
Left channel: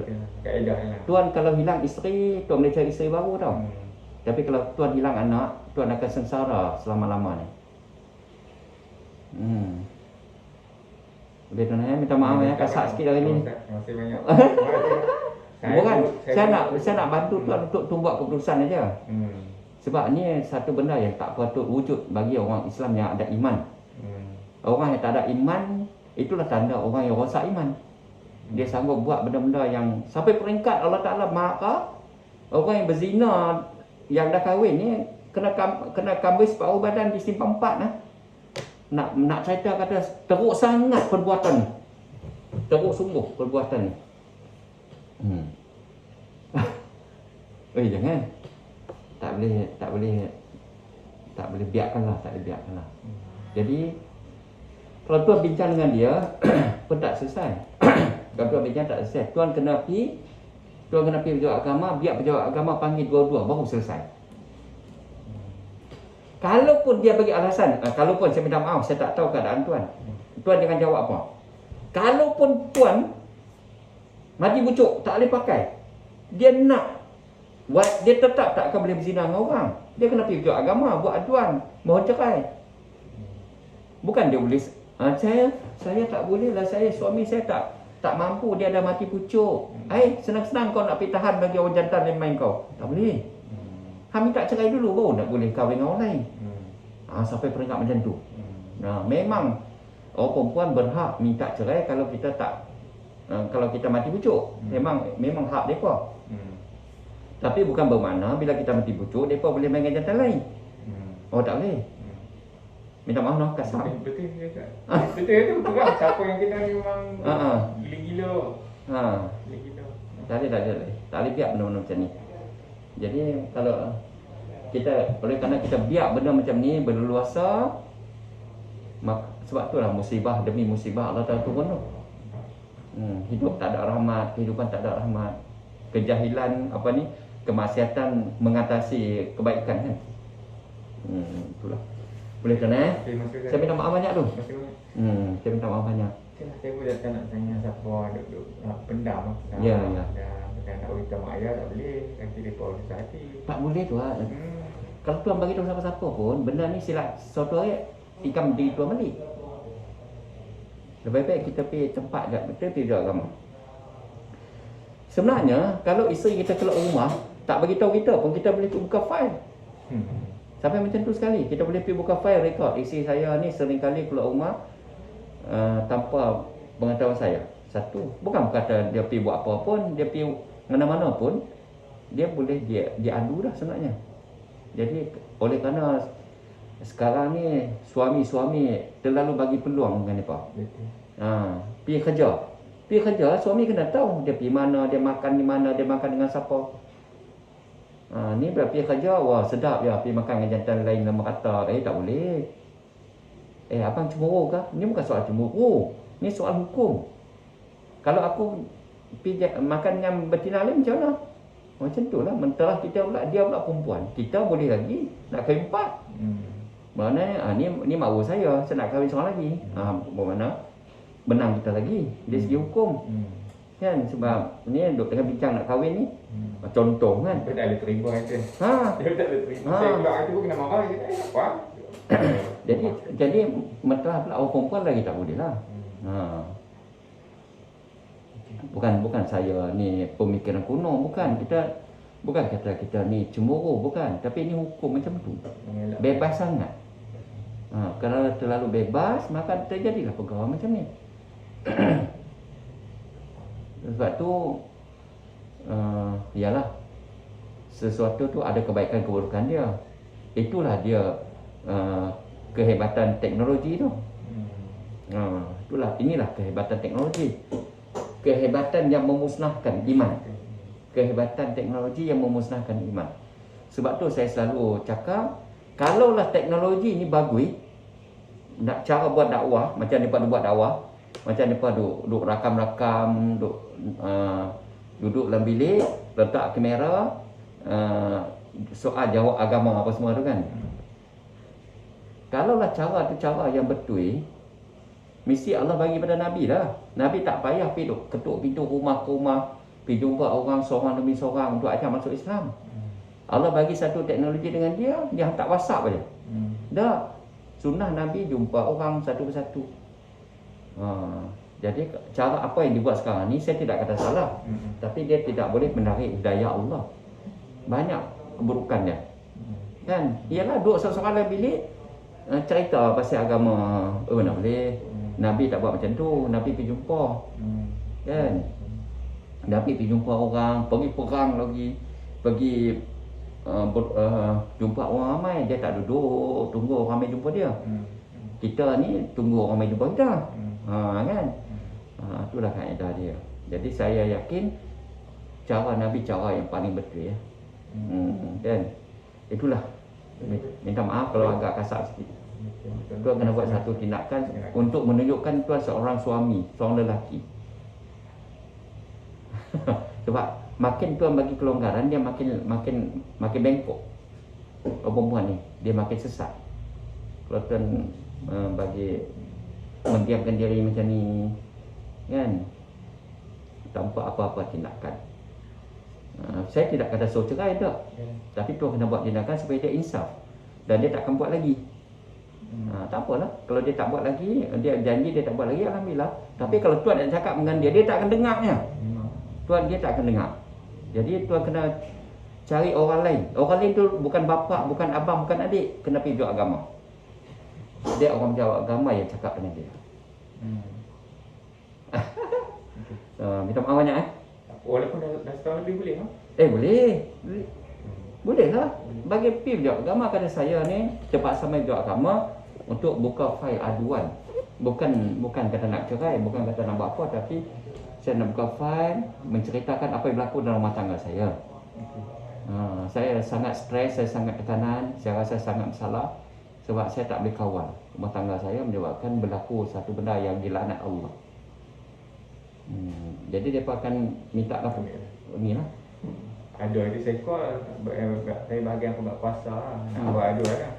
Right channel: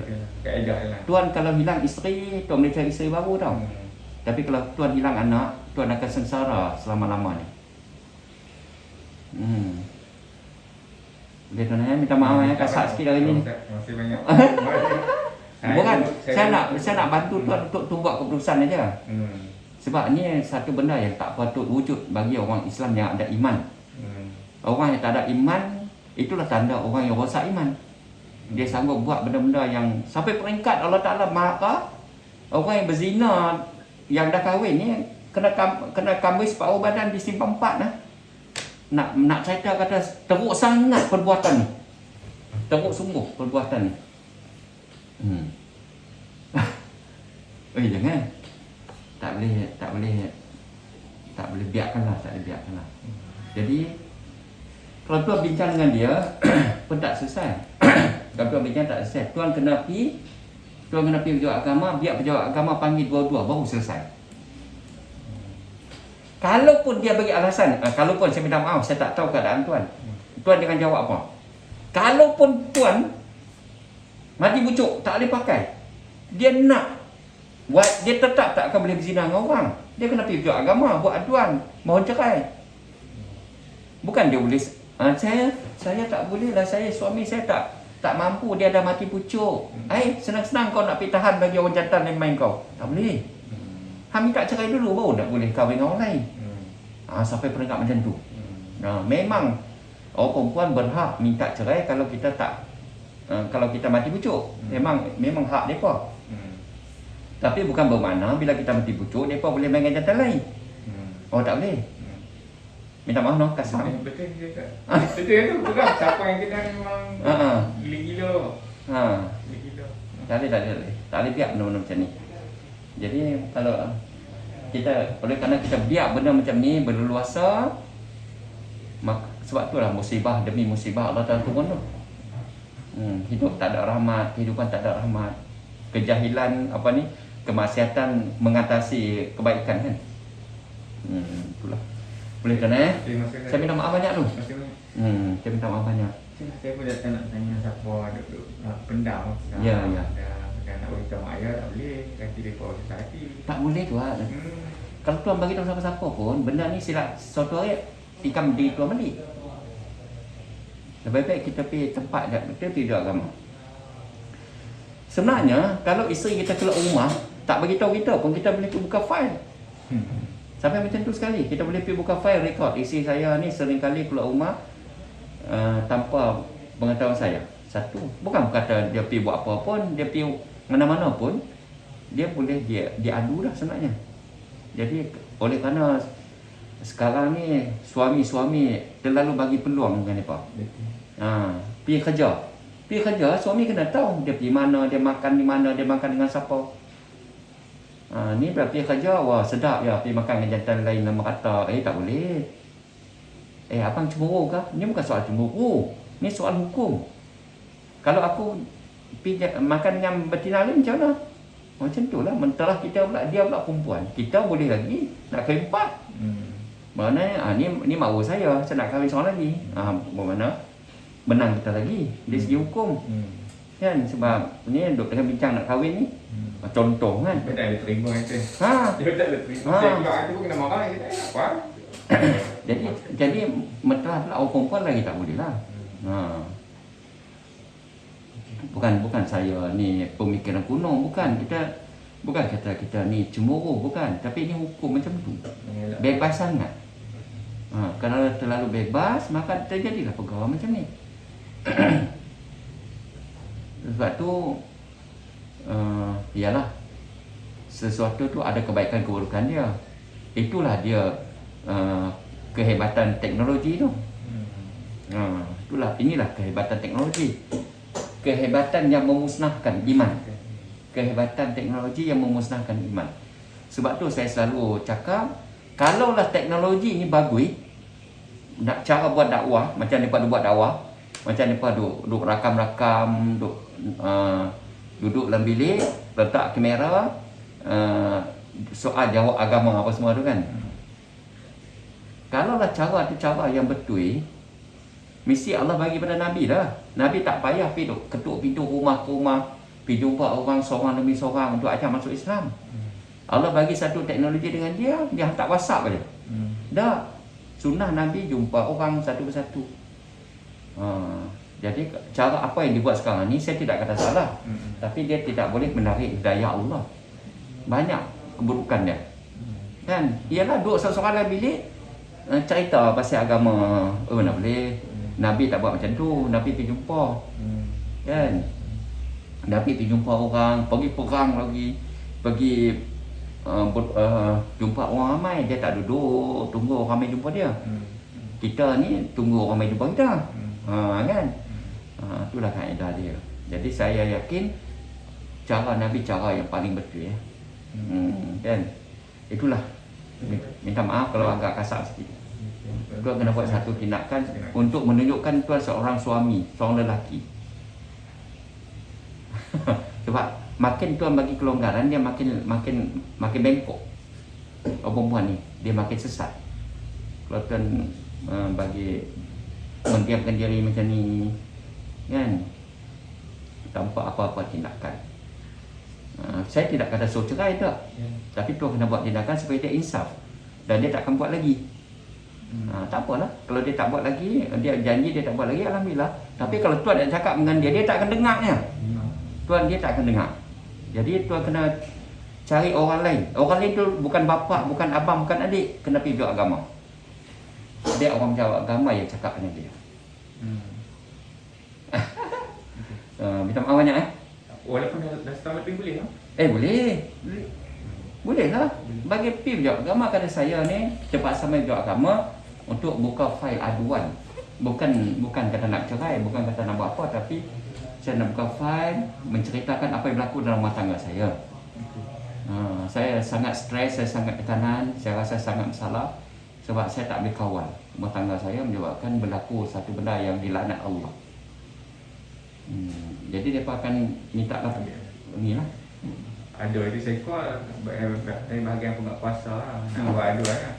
Tuan kalau hilang isteri, tuan boleh cari isteri baru tau. Tapi kalau tuan hilang anak, tuan akan sengsara selama-lamanya. Boleh tuan minta maaf kasar sikit hari ni. Terima kasih banyak. Bukan, saya nak bantu tuan untuk buat keputusan aja. Sebab ni satu benda yang tak patut wujud bagi orang Islam yang ada iman. Orang yang tak ada iman, itulah tanda orang yang rosak iman. Dia sanggup buat benda-benda yang sampai peringkat Allah Ta'ala marah. Orang yang berzina, yang dah kahwin ni kena kambis separuh badan disimpan 4 lah. Nak cerita kata teruk sangat perbuatan ni. Teruk sungguh perbuatan ni. Jangan. Tak boleh biarkanlah. Jadi kalau tuan bincang dengan dia pun tak selesai. Kalau tuan bincang tak selesai, tuan kena pergi pejabat agama, biar pejabat agama panggil dua-dua baru selesai. Kalaupun dia bagi alasan, kalaupun saya minta maaf, saya tak tahu keadaan tuan. Tuan jangan jawab apa. Kalaupun tuan mati bucuk, tak boleh pakai, dia dia tetap tak akan boleh berzina dengan orang. Dia kena pergi pejabat agama, buat aduan, mohon cerai. Bukan dia boleh, saya tak boleh lah, suami saya tak mampu, dia dah mati pucuk. Senang-senang kau nak pergi tahan bagi orang jantan yang main kau. Tak boleh. Minta cerai dulu baru nak boleh kahwin dengan orang lain. Sampai peringkat macam tu. Memang orang perempuan berhak minta cerai kalau kita kalau kita mati pucuk. Memang hak mereka. Tapi bukan bermakna bila kita mati pucuk, mereka boleh main dengan jantan lain. Tak boleh. Minta maaf kasar. Betul tu bukan siapa yang kita memang gila-gila. Tak boleh biar benda-benda macam ni. Jadi kalau oleh kerana kita biar benda macam ni berleluasa, sebab itulah musibah demi musibah Allah Ta'ala turun tu. Hidup tak ada rahmat, kehidupan tak ada rahmat. Kejahilan kemaksiatan mengatasi kebaikan kan. Itulah. Boleh kan Saya minta maaf banyak tu. Saya minta maaf banyak. Saya pun tak nak tanya siapa ada pendam. Ya. Nak beritahu mak ayah tak boleh. Nanti mereka sakit hati. Tak boleh tu lah. Kalau tuan bagi tahu siapa-siapa pun, benda ni silap suatu hari ikam diri tuan balik. Lebih baik kita pergi tempat kita pergi agama. Sebenarnya kalau isteri kita keluar rumah tak bagi tahu kita pun, kita boleh buka file. Sampai macam tu sekali, kita boleh pergi buka file rekod isteri saya ni sering kali keluar rumah tanpa pengetahuan saya. Satu, bukan kata dia pergi buat apa pun, dia pergi mana-mana pun, dia boleh dia adu dah sebenarnya. Jadi oleh kerana sekarang ni suami-suami terlalu bagi peluang dengan mereka. Pergi kerja, suami kena tahu dia pergi mana, dia makan di mana, dia makan dengan siapa. Ni bila pergi kerja, wah sedap ya, pergi makan dengan jantan lain nama kata. Tak boleh. Abang cemburu ke? Ni bukan soal cemburu, ni soal hukum. Kalau aku pergi makan dengan betina lain macam mana? Macam tu lah, mentera kita pula, dia pula perempuan. Kita boleh lagi nak kahwin 4. Maknanya ni makwa saya nak kahwin seorang lagi. Bermakna menang kita lagi dari segi hukum. Kan sebab ni duk dengan bincang nak kahwin ni. Contoh kan. Dia tak ada terima kata. Dia tak ada terima. Saya pula kata pun kena marah apa? Jadi mentera pula orang perempuan lagi tak boleh lah. Bukan saya ni pemikiran kuno, bukan kata kita ni cemburu, bukan, tapi ini hukum macam tu. Bebas sangat. Kalau terlalu bebas, maka terjadilah pergaulan macam ni. Sebab tu ialah sesuatu tu ada kebaikan keburukan dia. Itulah dia kehebatan teknologi tu. Inilah kehebatan teknologi. Kehebatan yang memusnahkan iman. Kehebatan teknologi yang memusnahkan iman. Sebab tu saya selalu cakap, kalaulah teknologi ni bagus, nak cara buat dakwah, macam mereka buat dakwah, macam mereka duduk rakam-rakam, duduk dalam bilik, letak kamera, soal jawab agama apa semua tu kan. Kalaulah cara tu cara yang betul, mesti Allah bagi pada Nabi dah. Nabi tak payah pergi ketuk pintu rumah ke rumah, pergi jumpa orang seorang demi seorang untuk ajak masuk Islam. Allah bagi satu teknologi dengan dia hantar WhatsApp aja. Dah. Sunnah Nabi jumpa orang satu persatu. Jadi cara apa yang dibuat sekarang ni saya tidak kata salah. Tapi dia tidak boleh menarik hidayah Allah. Banyak keburukan dia. Kan? Ialah duduk seorang dalam bilik cerita pasal agama. Mana boleh. Nabi tak buat macam tu. Nabi pergi jumpa. Kan? Nabi pergi jumpa orang, pergi perang lagi, pergi jumpa orang ramai. Dia tak duduk tunggu orang ramai jumpa dia. Kita ni tunggu orang ramai jumpa kita. Kan? Itulah kaedah dia. Jadi saya yakin cara Nabi cara yang paling betul ya. Kan? Itulah. Minta maaf kalau agak kasar sikit. Tuan kena buat satu tindakan untuk menunjukkan tuan seorang suami, seorang lelaki. Sebab makin tuan bagi kelonggaran, dia makin bengkok. Perempuan ni dia makin sesat. Kalau tuan bagi mendiamkan diri macam ni, kan, tanpa apa-apa tindakan. Saya tidak kata suruh cerai tak, tapi tuan kena buat tindakan supaya dia insaf dan dia tak akan buat lagi. Tak apalah, kalau dia tak buat lagi, dia janji dia tak buat lagi, alhamdulillah. Tapi kalau tuan nak cakap dengan dia tak akan dengarnya. Tuan dia tak akan dengar. Jadi tuan kena cari orang lain. Orang lain tu bukan bapa, bukan abang, bukan adik, kena pergi jawab agama. Dia orang jawab agama yang cakap dengan dia. Minta maaf banyak Walaupun dah setahun lebih boleh tak? Boleh. Boleh lah. Bagi pergi jawab agama, kata saya ni terpaksa main jawab agama untuk buka fail aduan. Bukan kata nak cerai, bukan kata nak buat apa, tapi saya nak buka fail menceritakan apa yang berlaku dalam rumah tangga saya. Saya sangat stres, saya sangat tekanan, saya rasa sangat masalah sebab saya tak boleh kawal rumah tangga saya menyebabkan berlaku satu benda yang dilaknat Allah. Jadi mereka akan minta lah inilah. Ada itu saya call dari bahagian pembuat puasa nak buat adu kan.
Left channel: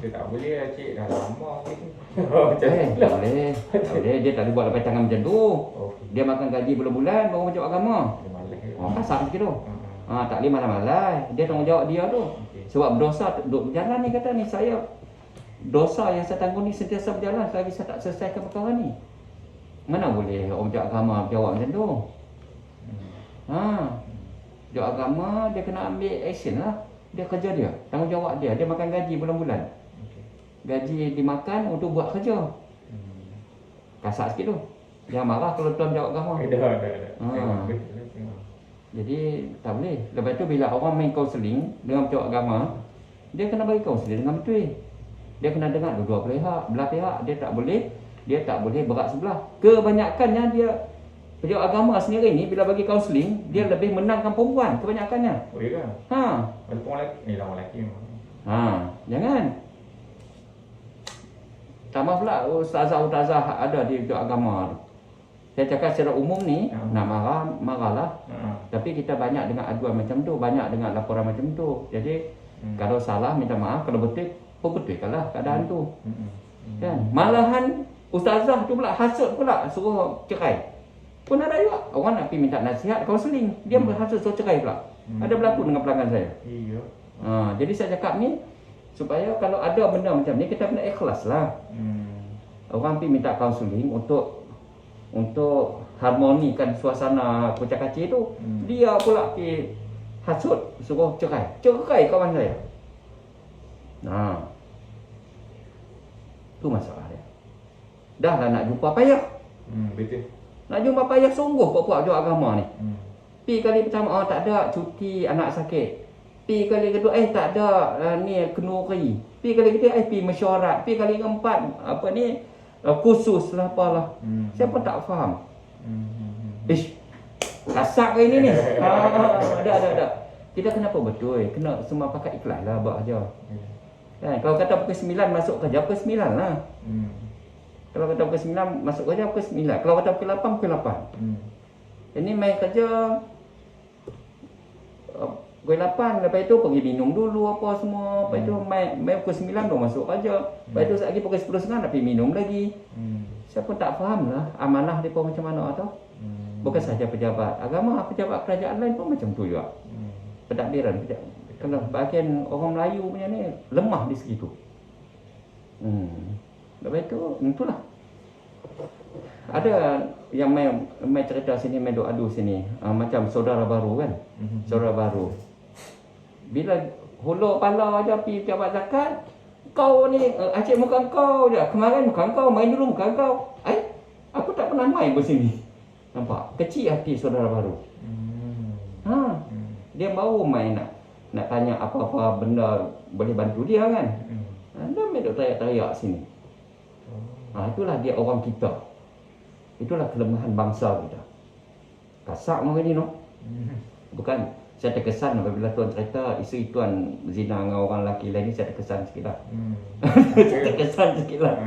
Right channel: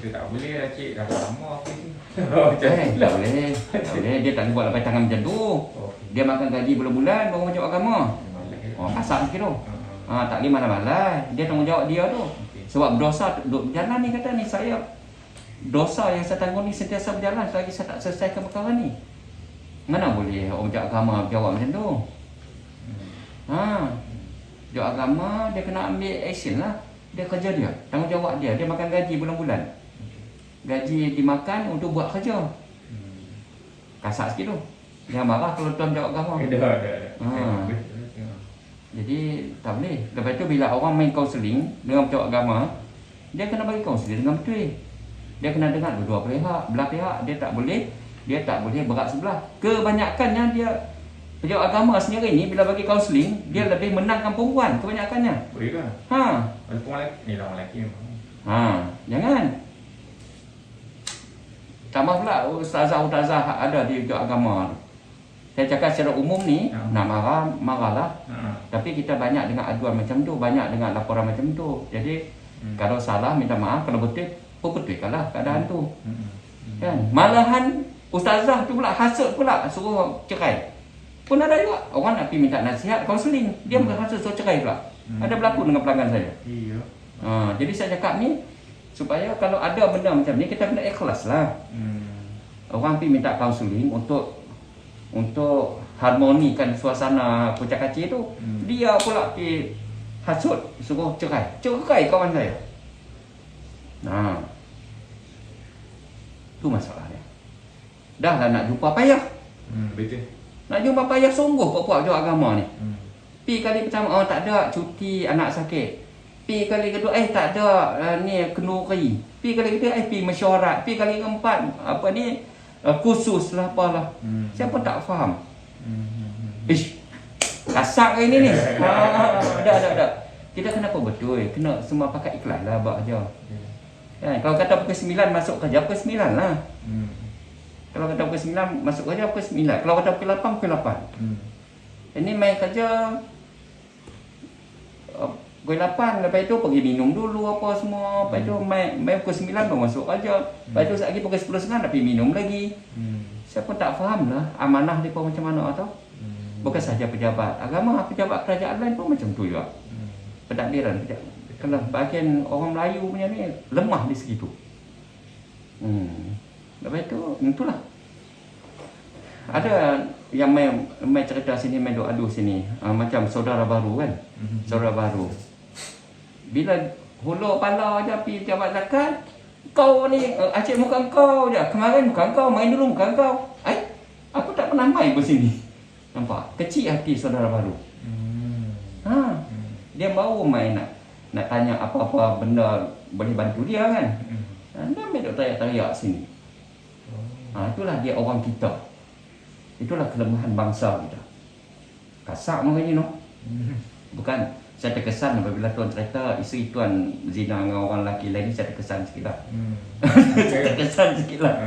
Dia tak boleh lah cik, dah lama tak boleh. Dia tak boleh buat lepas tangan macam tu. Dia makan gaji bulan-bulan baru macam agama. Kasar sikit tu. Tak boleh malam-malam. Dia tanggungjawab dia tu. Sebab dosa duduk berjalan ni, kata ni saya dosa yang saya tanggung ni sentiasa berjalan selagi saya tak selesaikan perkara ni. Mana boleh orang jawab agama jawab macam tu. Jawab agama dia kena ambil action lah. Dia kerja dia, tanggungjawab dia. Dia makan gaji bulan-bulan. Gaji dimakan untuk buat kerja. Kasar sikit tu. Jangan marah kalau tuan jawab agama. Jadi tak boleh. Lepas tu bila orang main kaunseling dengan jawab agama, dia kena bagi kaunseling dengan betul. Dia kena dengar dua-dua belah pihak. Dia tak boleh berat sebelah. Kebanyakannya dia pejabat agama sendiri ni bila bagi kaunseling, dia lebih menangkan perempuan kebanyakannya. Boleh ke? Walaupun orang lelaki, ni lah orang lelaki memang. Jangan. Tambah pula ustazah ada di pejabat agama. Saya cakap secara umum ni, nak marahlah. Tapi kita banyak dengar aduan macam tu, banyak dengar laporan macam tu. Jadi kalau salah minta maaf, kalau betul betulkanlah keadaan tu. Kan? Malahan ustazah tu pula hasut pula suruh cerai. Pun ada juga orang nak pergi minta nasihat, kaunseling, dia berhasut suruh cerai pula. Ada berlaku dengan pelanggan saya. Jadi saya cakap ni supaya kalau ada benda macam ni kita kena ikhlas lah. Orang pergi minta kaunseling untuk harmonikan suasana kucak-kacir tu, dia pula pergi hasut suruh cerai kawan saya. Tu masalah dia. Dah lah nak jumpa payah. Betul. Nak jumpa payah sungguh puak-puak jual agama ni. Pi kali pertama, tak ada cuti anak sakit. Pi kali kedua, tak ada ni kenduri. Pi kali ketiga, pi mesyuarat. Pi kali keempat, khusus lah apalah. Saya pun tak faham. Ish, kasar hari ni. Dah. Kita kenapa betul? Kena semua pakai ikhlas lah buat kerja. Kan? Kalau kata pukul 9 masuk kerja, pukul 9 lah. Kalau kata pukul 9 masuk kerja, pukul 9. Kalau kata pukul 8, pukul 8. Ini main kerja pukul 8, lepas itu pergi minum dulu apa semua. Lepas itu main pukul 9 baru masuk kerja. Lepas itu lagi pukul 10.30 nak pergi minum lagi. Saya pun tak faham lah amanah mereka macam mana tau. Bukan sahaja pejabat agama, pejabat kerajaan lain pun macam tu juga. Pentadbiran, kalau bahagian orang Melayu punya ni lemah di segitu. Lepas itu, itulah. Ada yang main cerita sini, main adu sini. Macam saudara baru kan. Saudara baru. Bila hulur pala je pergi jabat zakat, kau ni, acik muka kau je. Kemarin muka kau, main dulu muka kau. Aku tak pernah main di sini. Nampak? Kecil hati saudara baru. Dia baru main nak tanya apa-apa benda boleh bantu dia kan. Dia main duk teriak-teriak sini. Itulah dia orang kita. Itulah kelemahan bangsa kita. Kasar macam ni no. Bukan, saya terkesan apabila tuan cerita isteri tuan zina dengan orang lelaki lain ni, saya terkesan sikit lah. Terkesan sikit lah.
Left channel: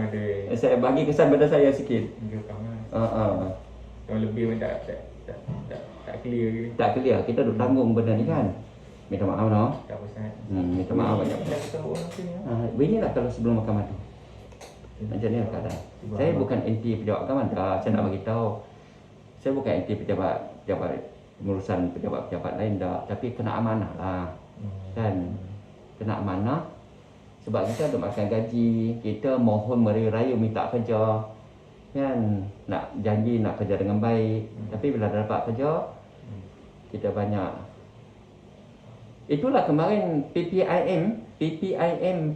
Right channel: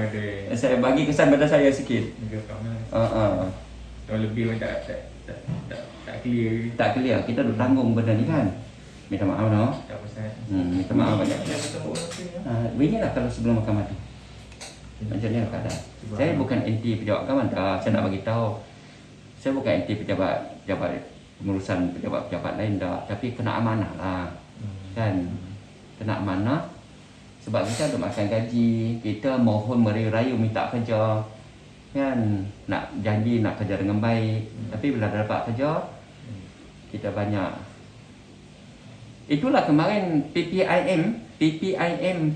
Saya bagi kesan pada saya sikit. Tuan lebih pun tak clear. Tak clear, kita duk tanggung benda ni kan. Minta maaf no. Tak pasal. Minta maaf banyak-banyak. Beginilah kalau sebelum makan madu. Macam ni lah keadaan. Saya bukan anti pejabat agama dah. Saya nak bagi tahu. Saya bukan anti pejabat pengurusan pejabat-pejabat lain dah. Tapi kena amanah lah. Kan? Kena amanah. Sebab kita duk makan gaji. Kita mohon merayu-rayu minta kerja. Kan? Nak janji nak kerja dengan baik. Tapi bila dah dapat kerja, kita banyak. Itulah kemarin PPIM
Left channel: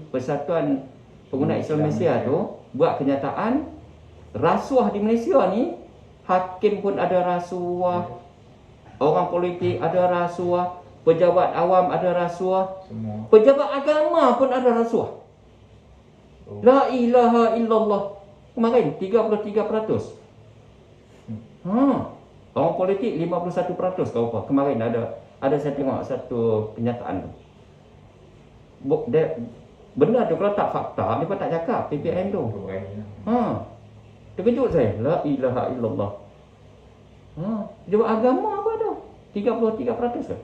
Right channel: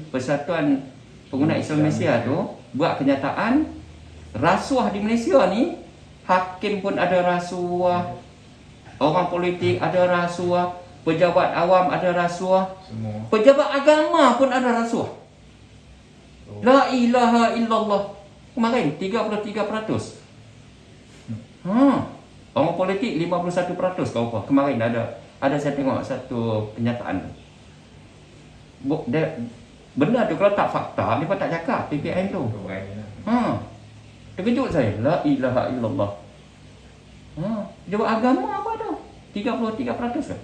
Persatuan Pengguna Islam Malaysia tu buat kenyataan rasuah di Malaysia ni, hakim pun ada rasuah, orang politik ada rasuah, pejabat awam ada rasuah, pejabat agama pun ada rasuah. La ilaha illallah. Kemarin 33%. Orang politik 51% kau apa. Kemarin ada saya tengok satu kenyataan tu. Benda tu kalau tak fakta, dia pun tak cakap PPM tu. Terkejut saya. La ilaha illallah. Jawab agama apa tu? 33%.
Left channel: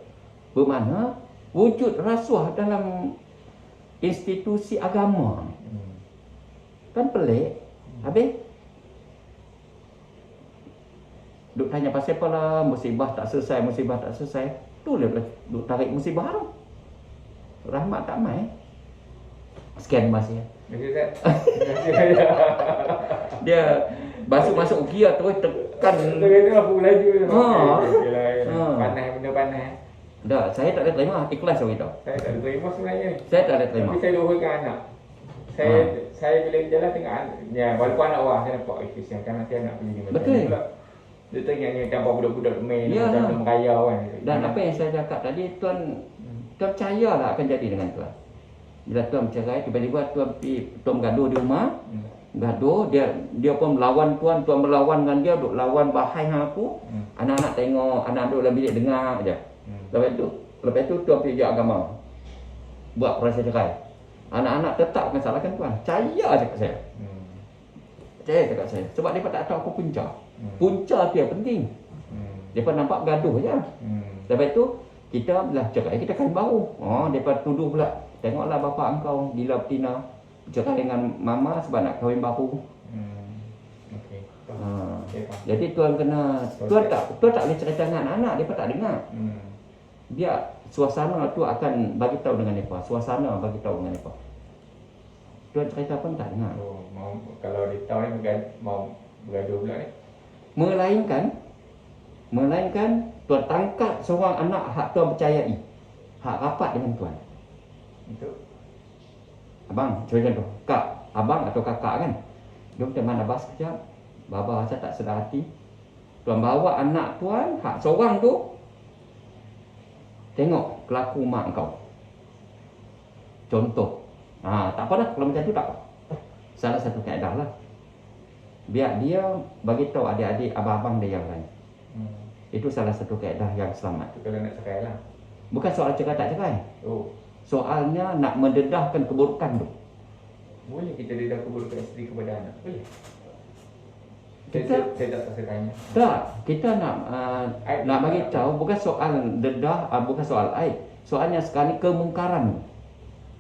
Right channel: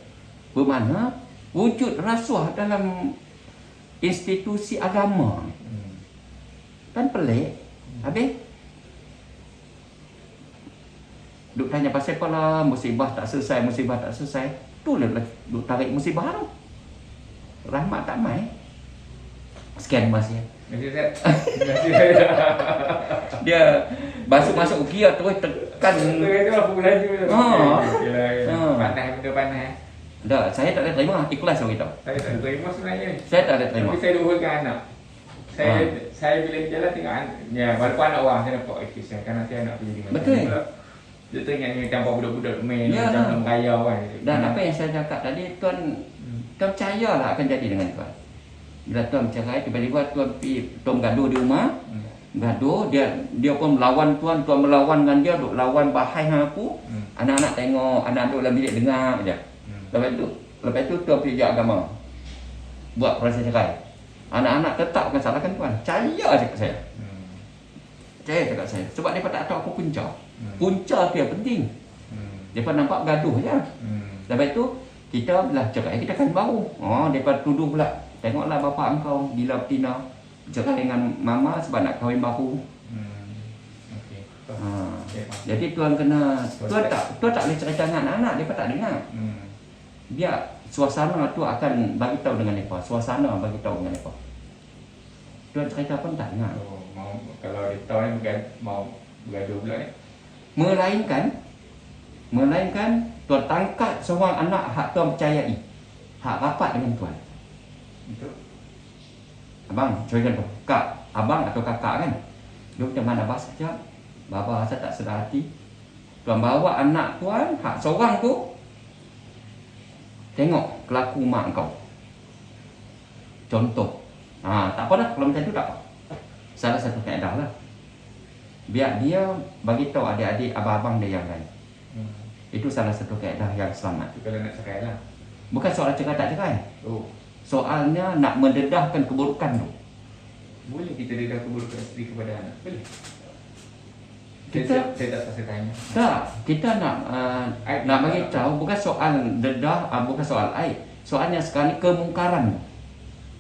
Bermakna wujud rasuah dalam institusi agama. Kan pelik. Habis duk tanya pasal apa lah, musibah tak selesai. Tu lah duk tarik musibah tu. Rahmat tak mai. Sekian masih. Dia masuk gear terus tekan. Itu apa laju tu. Panas benda panas. Dah, saya tak ada terima, ikhlas saya beritahu. Saya tak ada terima sebenarnya. Saya tak ada terima. Tapi saya doakan anak. Saya bila berjalan tengok ya, walaupun anak orang saya nampak kesian kerana saya nak pergi dengan. Betul. Dia tengok macam budak-budak main macam merayau kan. Dan apa yang saya cakap tadi, tuan percayalah akan jadi dengan tuan. Bila tuan bercerai, tiba-tiba tuan gaduh di rumah. Gaduh, dia pun melawan tuan melawan dengan dia, duk lawan bahai hang aku. Anak-anak tengok, anak duk dalam bilik dengar aja. Lepas tu tuan pergi agama. Buat proses cerai. Anak-anak tetap akan salahkan tuan. Percaya cakap saya. Percaya cakap saya. Sebab mereka tak tahu apa punca. Punca tu yang penting. Mereka nampak gaduh je. Lepas tu, kita belah cerai, kita kan baru. Mereka tuduh pula. Tengoklah bapa engkau bila betina cerai dengan mama sebab nak kahwin baru. Jadi tuan kena, tuan tak boleh cerita dengan anak-anak, mereka tak dengar. Dia suasana tu akan bagi tahu dengan mereka. Suasana bagi tahu dengan mereka. Tuan cerita pun tak dengar. Kalau dia tahu ni mau bergaduh pula ni. Melainkan tuan tangkap seorang anak hak tuan percayai. Hak rapat dengan tuan. Itu. Abang, cuba contoh. Kak, abang atau kakak kan. Dia macam mana bas kejap. Baba rasa tak sedar hati. Tuan bawa anak tuan, hak seorang tu tengok kelaku mak kau. Contoh. Tak apa dah kalau macam tu tak apa. Salah satu kaedah lah. Biar dia bagi tahu adik-adik abang-abang dia yang lain. Itu salah satu kaedah yang selamat. Kalau nak cerai lah. Bukan soal cerai tak cerai. Oh. Soalnya nak mendedahkan keburukan tu. Boleh kita dedah keburukan isteri kepada anak? Boleh. Kita Saya tak rasa tanya. tak, kita nak bagi tahu bukan soal dedah, bukan soal aib. Soalnya sekarang ni kemungkaran.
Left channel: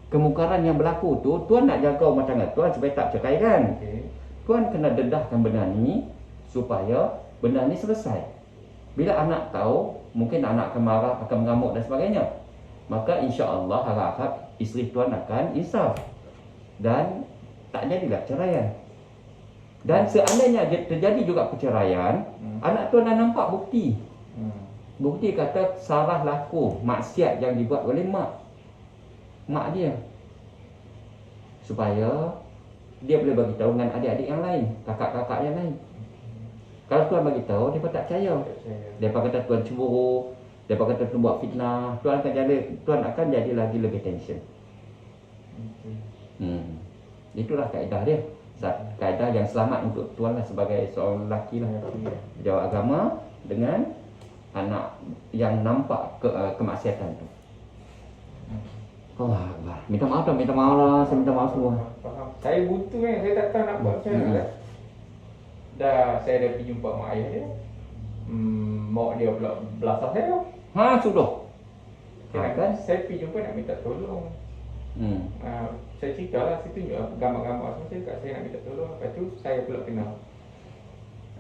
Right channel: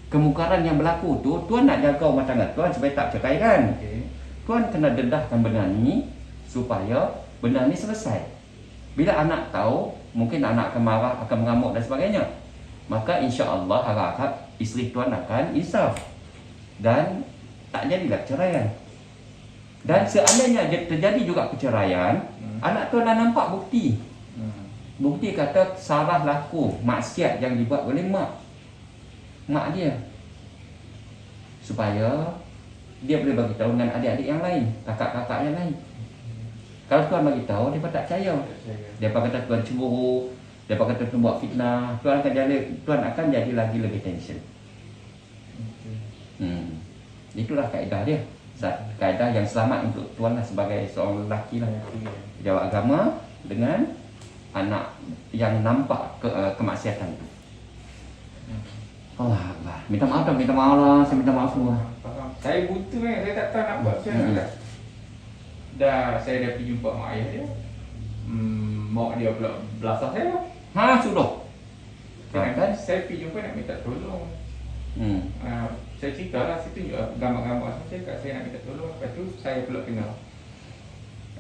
Kemungkaran yang berlaku tu, tuan nak jaga rumah tangga tuan supaya tak cerai kan. Okay. Tuan kena dedahkan benda ni supaya benda ni selesai. Bila anak tahu, mungkin anak akan marah, akan mengamuk dan sebagainya. Maka insya-Allah harap isteri tuan akan insaf. Dan tak jadilah ceraian. Dan seandainya terjadi juga perceraian, anak tuan dah nampak bukti. Bukti kata salah laku, maksiat yang dibuat oleh mak dia. Supaya dia boleh bagi tahu dengan adik-adik yang lain, kakak-kakak yang lain. Kalau tuan bagi tahu, dia tak percaya. Dia kata tuan cemburu, dia kata tuan buat fitnah, tuan akan jadi lagi lebih tension. Itulah kaedah dia. Kaedah yang selamat untuk tuan lah sebagai seorang lelaki lah. Jawab agama dengan anak yang nampak kemaksiatan tu. Allah Akbar. Minta maaf lah. Saya minta maaf semua. Faham. Saya buta kan. Saya tak tahu nak buat macam mana. Saya dah pergi jumpa mak ayah dia. Mak dia pula belasah saya. Sudah. Kan? Saya pergi jumpa nak minta tolong. Saya cerita lah, saya tunjuk gambar-gambar saya kat saya nak minta tolong. Lepas tu saya pula kena.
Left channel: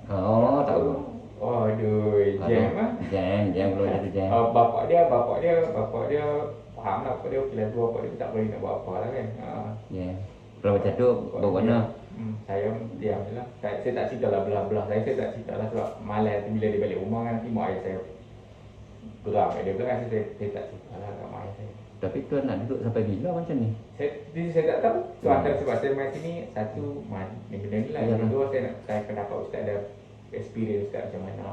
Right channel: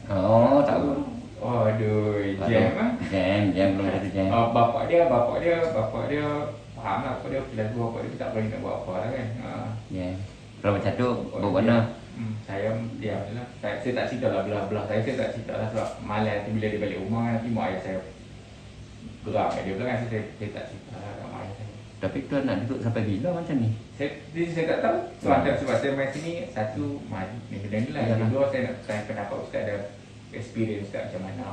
Tak apa. Aduh, jam lah. Jam belum jadi jam. Bapak dia faham lah. Bapak dia lagu bapak dia tak boleh nak buat apa lah kan. Kalau macam tu, berwarna. Saya diam je lah. Saya tak cerita lah belah-belah saya tak cerita lah sebab malas bila dia balik rumah nanti mak ayah saya berang kat dia belakang saya tak cerita lah kat mak ayah saya. Tapi tuan nak duduk sampai bila macam ni? Saya tak tahu. Sebab saya main sini, satu benda ni lah. Kedua saya nak try pendapat Ustaz ada experience Ustaz macam mana.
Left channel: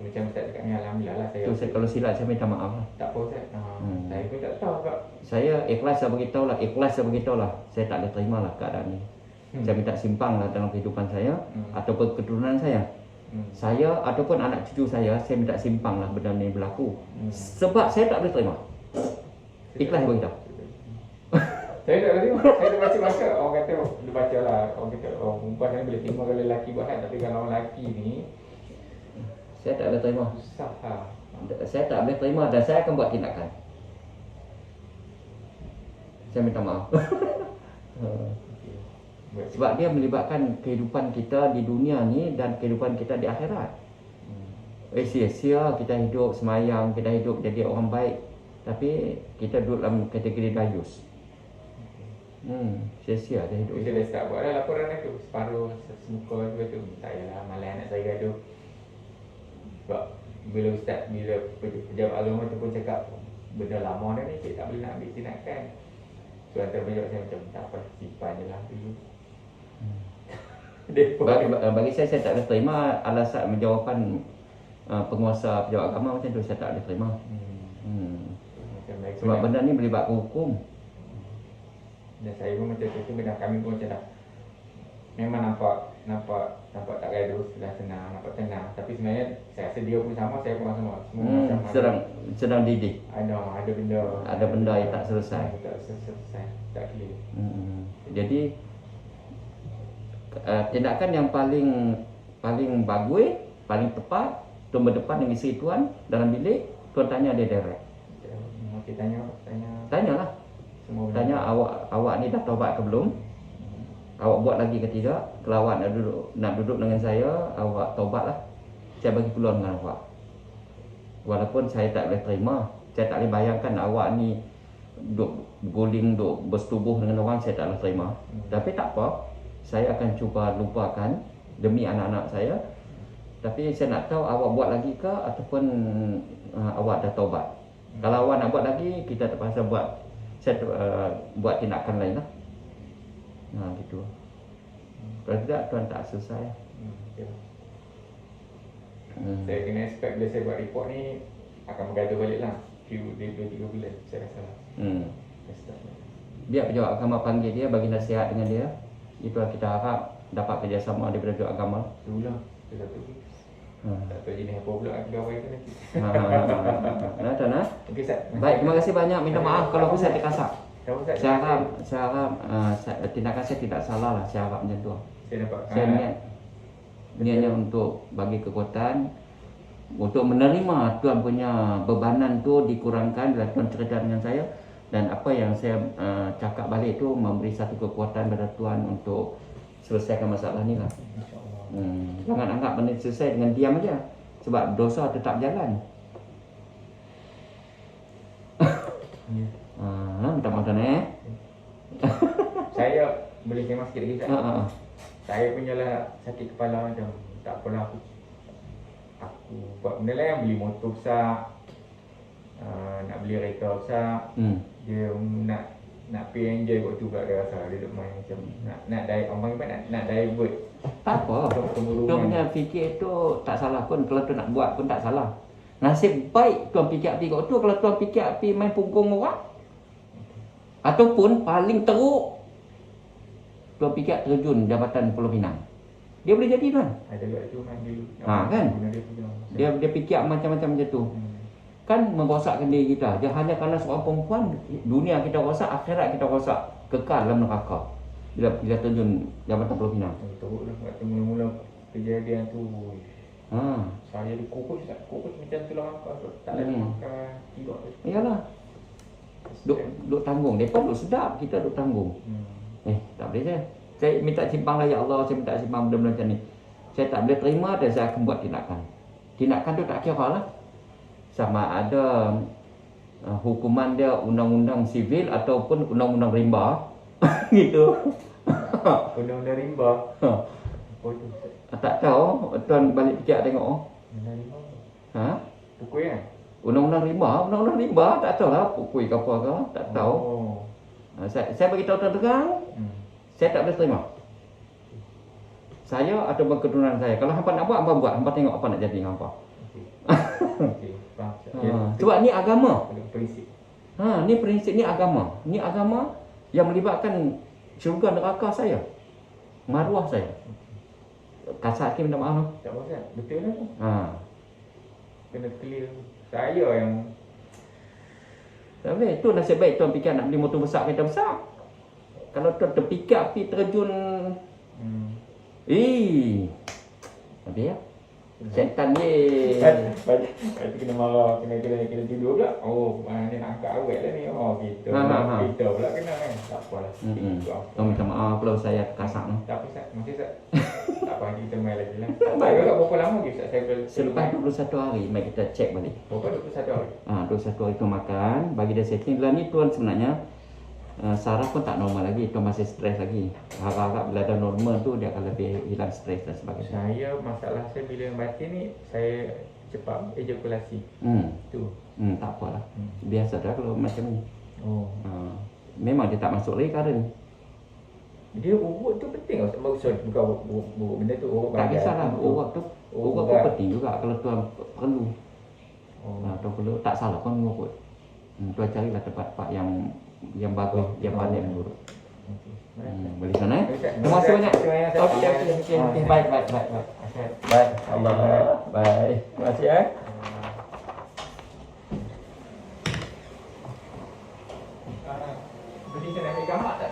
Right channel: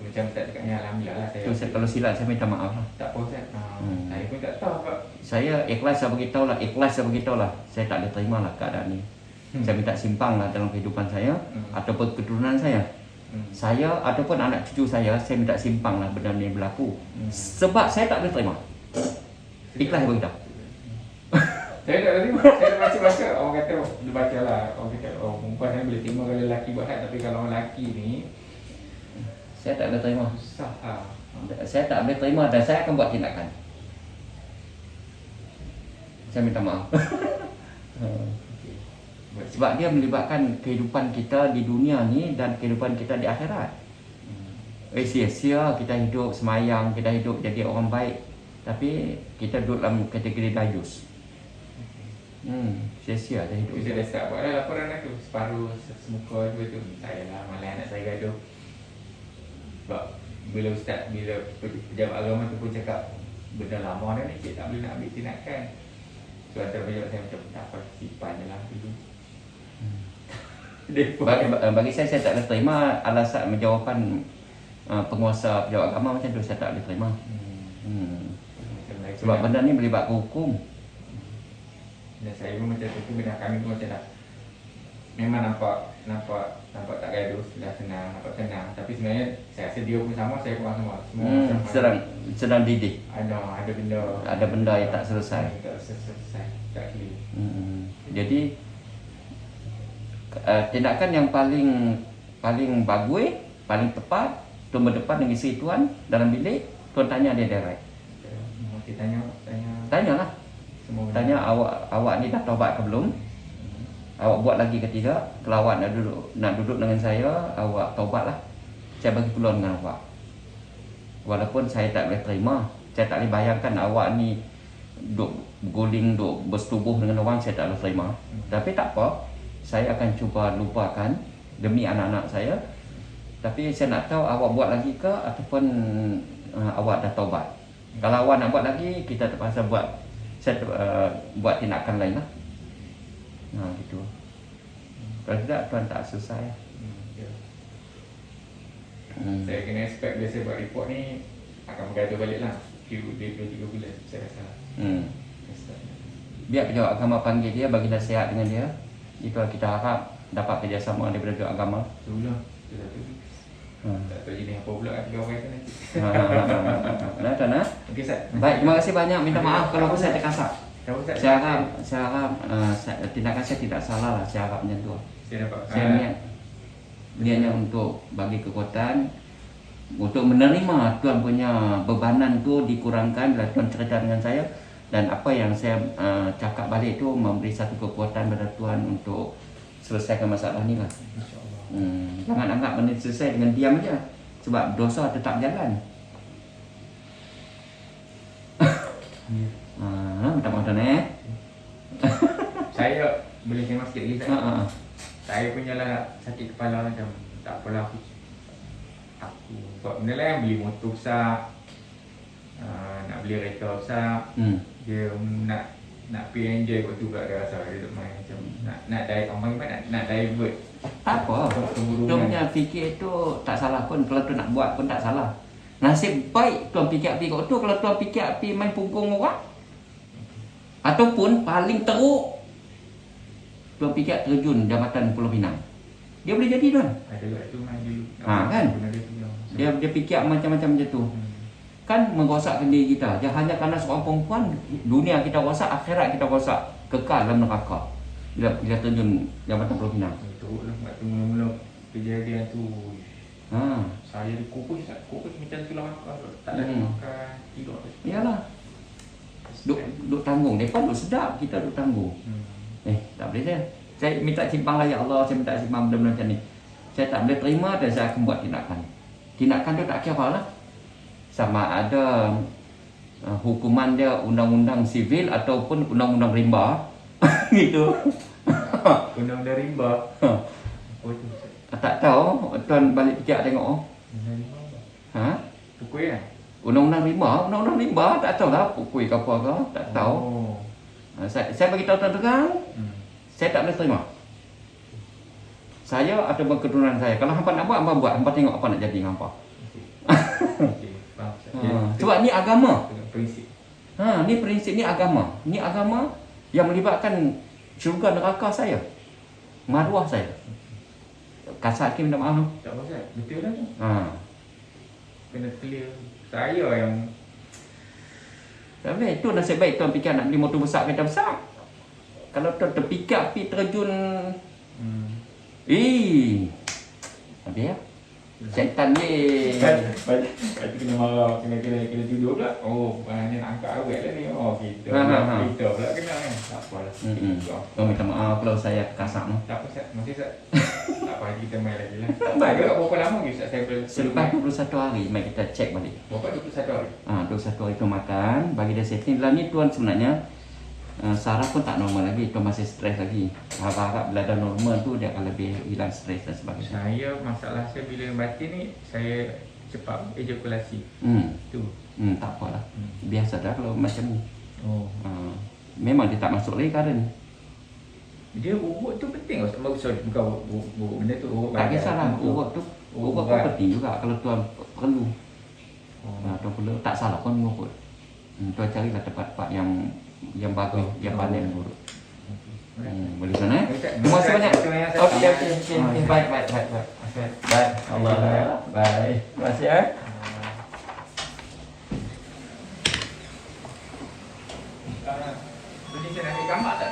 Macam Ustaz cakap ni alhamdulillah lah saya. Tu kalau silap saya minta maaf lah. Tak apa Ustaz. Saya pun tak tahu kak. Saya ikhlas saya beritahu lah. Saya tak boleh terima lah keadaan ni. Saya minta simpang lah dalam kehidupan saya ataupun keturunan saya. Saya ataupun anak cucu saya minta simpang lah benda ni berlaku. Sebab saya tak boleh terima. Ikhlas saya beritahu. Saya tak terima. Saya dah baca-baca. Orang kata, dia baca lah. Orang kata, perempuan saya boleh terima kalau lelaki buat hal. Tapi kalau orang lelaki ni, saya tak boleh terima. Susah lah. Saya tak boleh terima dan saya akan buat tindakan. Saya minta maaf. Sebab dia melibatkan kehidupan kita di dunia ni dan kehidupan kita di akhirat. Sia-sia kita hidup semayang, kita hidup jadi orang baik, tapi kita duduk dalam kategori dayus. Sia-sia dia hidup. Kita dah start buat dah laporan tu. Separuh semuka tu. Tak adalah malah anak saya gaduh. Sebab bila Ustaz, bila pejabat agama tu pun cakap benda lama dah ni, cik tak boleh nak ambil tindakan. So antara pejabat saya macam tak apa, simpan je lah dulu. Bagi saya tak boleh terima alasan jawapan penguasa pejabat agama macam tu. Saya tak boleh terima. Sebab benda ni melibatkan hukum. Dan saya pun macam tu pun benda kami pun macam dah memang nampak tak gaduh, dah senang, nampak senang. Tapi sebenarnya saya rasa dia pun sama, saya pun sama. Sedang didik. Ada benda yang tak selesai. Tak clear. Jadi tindakan yang paling bagus, paling tepat, tuan berdepan dengan isteri tuan dalam bilik, tuan tanya dia direct. Okey, tanyalah. Tanya awak ni dah taubat ke belum? Awak buat lagi ke tidak? Kalau awak nak duduk dengan saya, awak taubatlah. Saya bagi peluang dengan awak. Walaupun saya tak boleh terima, saya tak boleh bayangkan awak ni duk berguling, duk bersetubuh dengan orang, saya tak boleh terima. Tapi tak apa, saya akan cuba lupakan demi anak-anak saya. Tapi saya nak tahu awak buat lagi ke ataupun awak dah taubat. Kalau awak nak buat lagi, kita terpaksa buat tindakan lain lah. Nah gitu. Kalau tidak tuan tak selesai. Saya kena expect bila saya buat report ni akan bergaduh balik lah. Dia 2-3 bulan saya rasa. Biar pejabat agama panggil dia, bagi nasihat dengan dia. Itu kita harap dapat kerjasama daripada pejabat agama. Belum. Tak tahu jenis apa pula pegawai tu nanti. Nah, tuan. Okey, Ustaz. Baik, terima kasih banyak. Minta maaf kalau saya terkasar. Saya harap tindakan saya tidak salah lah. Saya harap macam tu. Saya niatnya untuk bagi kekuatan untuk menerima tuan punya bebanan tu dikurangkan bila tuan cerita dengan saya, dan apa yang saya cakap balik tu memberi satu kekuatan pada tuan untuk selesaikan masalah ni lah. Jangan anggap benda selesai dengan diam aja, sebab dosa tetap jalan. Minta maaf tuan Saya boleh khidmat sikit lagi tak? Saya punya lah sakit kepala macam tak apalah aku buat benda lah yang beli motor besar, nak beli kereta besar. Dia nak pay enjoy waktu pula dia rasa dia duk main macam nak nak divert. Tak apa. Tuan punya fikir tu tak salah pun. Kalau tuan nak buat pun tak salah. Nasib baik tuan fikir api kat tu. Kalau tuan fikir api main punggung orang, ataupun paling teruk tuan fikir terjun Jabatan Pulau Pinang, dia boleh jadi tuan. Ada kat tu main dulu. Kan? Dia fikir macam-macam macam tu. Kan merosakkan diri kita. Dia hanya kerana seorang perempuan, dunia kita rosak, akhirat kita rosak, kekal dalam neraka bila terjun Jabatan Pulau Pinang. Teruklah waktu mula-mula kejadian tu. Saya dikukus macam tu lah makan. Tak ada makan, tidur. Iyalah. Duk tanggung. Mereka duk sedap, kita duk tanggung. Tak boleh saya. Saya minta simpang lah ya Allah, saya minta simpang benda-benda macam ni. Saya tak boleh terima dan saya akan buat tindakan. Tindakan tu tak kira lah. Sama ada hukuman dia undang-undang sivil ataupun undang-undang rimba. Gitu. Undang-undang rimba. Tak tahu, tuan balik fikir tengok. Pukul kan? Undang-undang rimba, tak tahu lah pukul ke apa ke, tak tahu. Saya bagi tahu tuan terang, saya tak boleh terima. Saya ataupun keturunan saya, kalau hampa nak buat, hampa buat. Hampa tengok apa nak jadi dengan hampa. Sebab ni agama. Ni prinsip, ni agama. Ni agama yang melibatkan syurga neraka saya, maruah saya. Kasar sikit minta maaf tu. Tak apa, betul lah tu. Kena clear. Saya yang tak boleh. Itu nasib baik tuan fikir nak beli motor besar, kereta besar. Kalau tuan terfikir api terjun, habis ya. Setan ni. Kata kena marah, kena tidur pula. Maknanya nak angkat awet lah ni. Kita pula kena kan. Tak apalah. Minta maaf kalau saya kasar tu. Tak apa Ustaz, masih Ustaz. Tak apa, kita main lagi lah. Berapa lama lagi Ustaz saya selepas 21 hari, mari kita cek balik. Berapa 21 hari? 21 hari tu makan, bagi dia setting. Dalam ni tuan sebenarnya saraf pun tak normal lagi, tuan masih stres lagi. Harap-harap bila dah normal tu dia akan lebih hilang stres dan sebagainya. Saya, masalah saya bila yang batin ni, saya cepat ejakulasi. Tu. Tak apalah. Biasa dah kalau macam ni. Memang dia tak masuk lagi karen. Dia urut tu penting atau sorry, bukan urut benda tu urut. Tak kisahlah, urut tu pun penting juga kalau tuan perlu. Tuan perlu, tak salah pun urut. Tuan carilah tempat-tempat yang bagus, yang pandai mengurut. Boleh sana. Terima kasih banyak. Okey. Baik. Baik. Allah. Baik. Terima kasih Beli saya nak ambil gambar tak?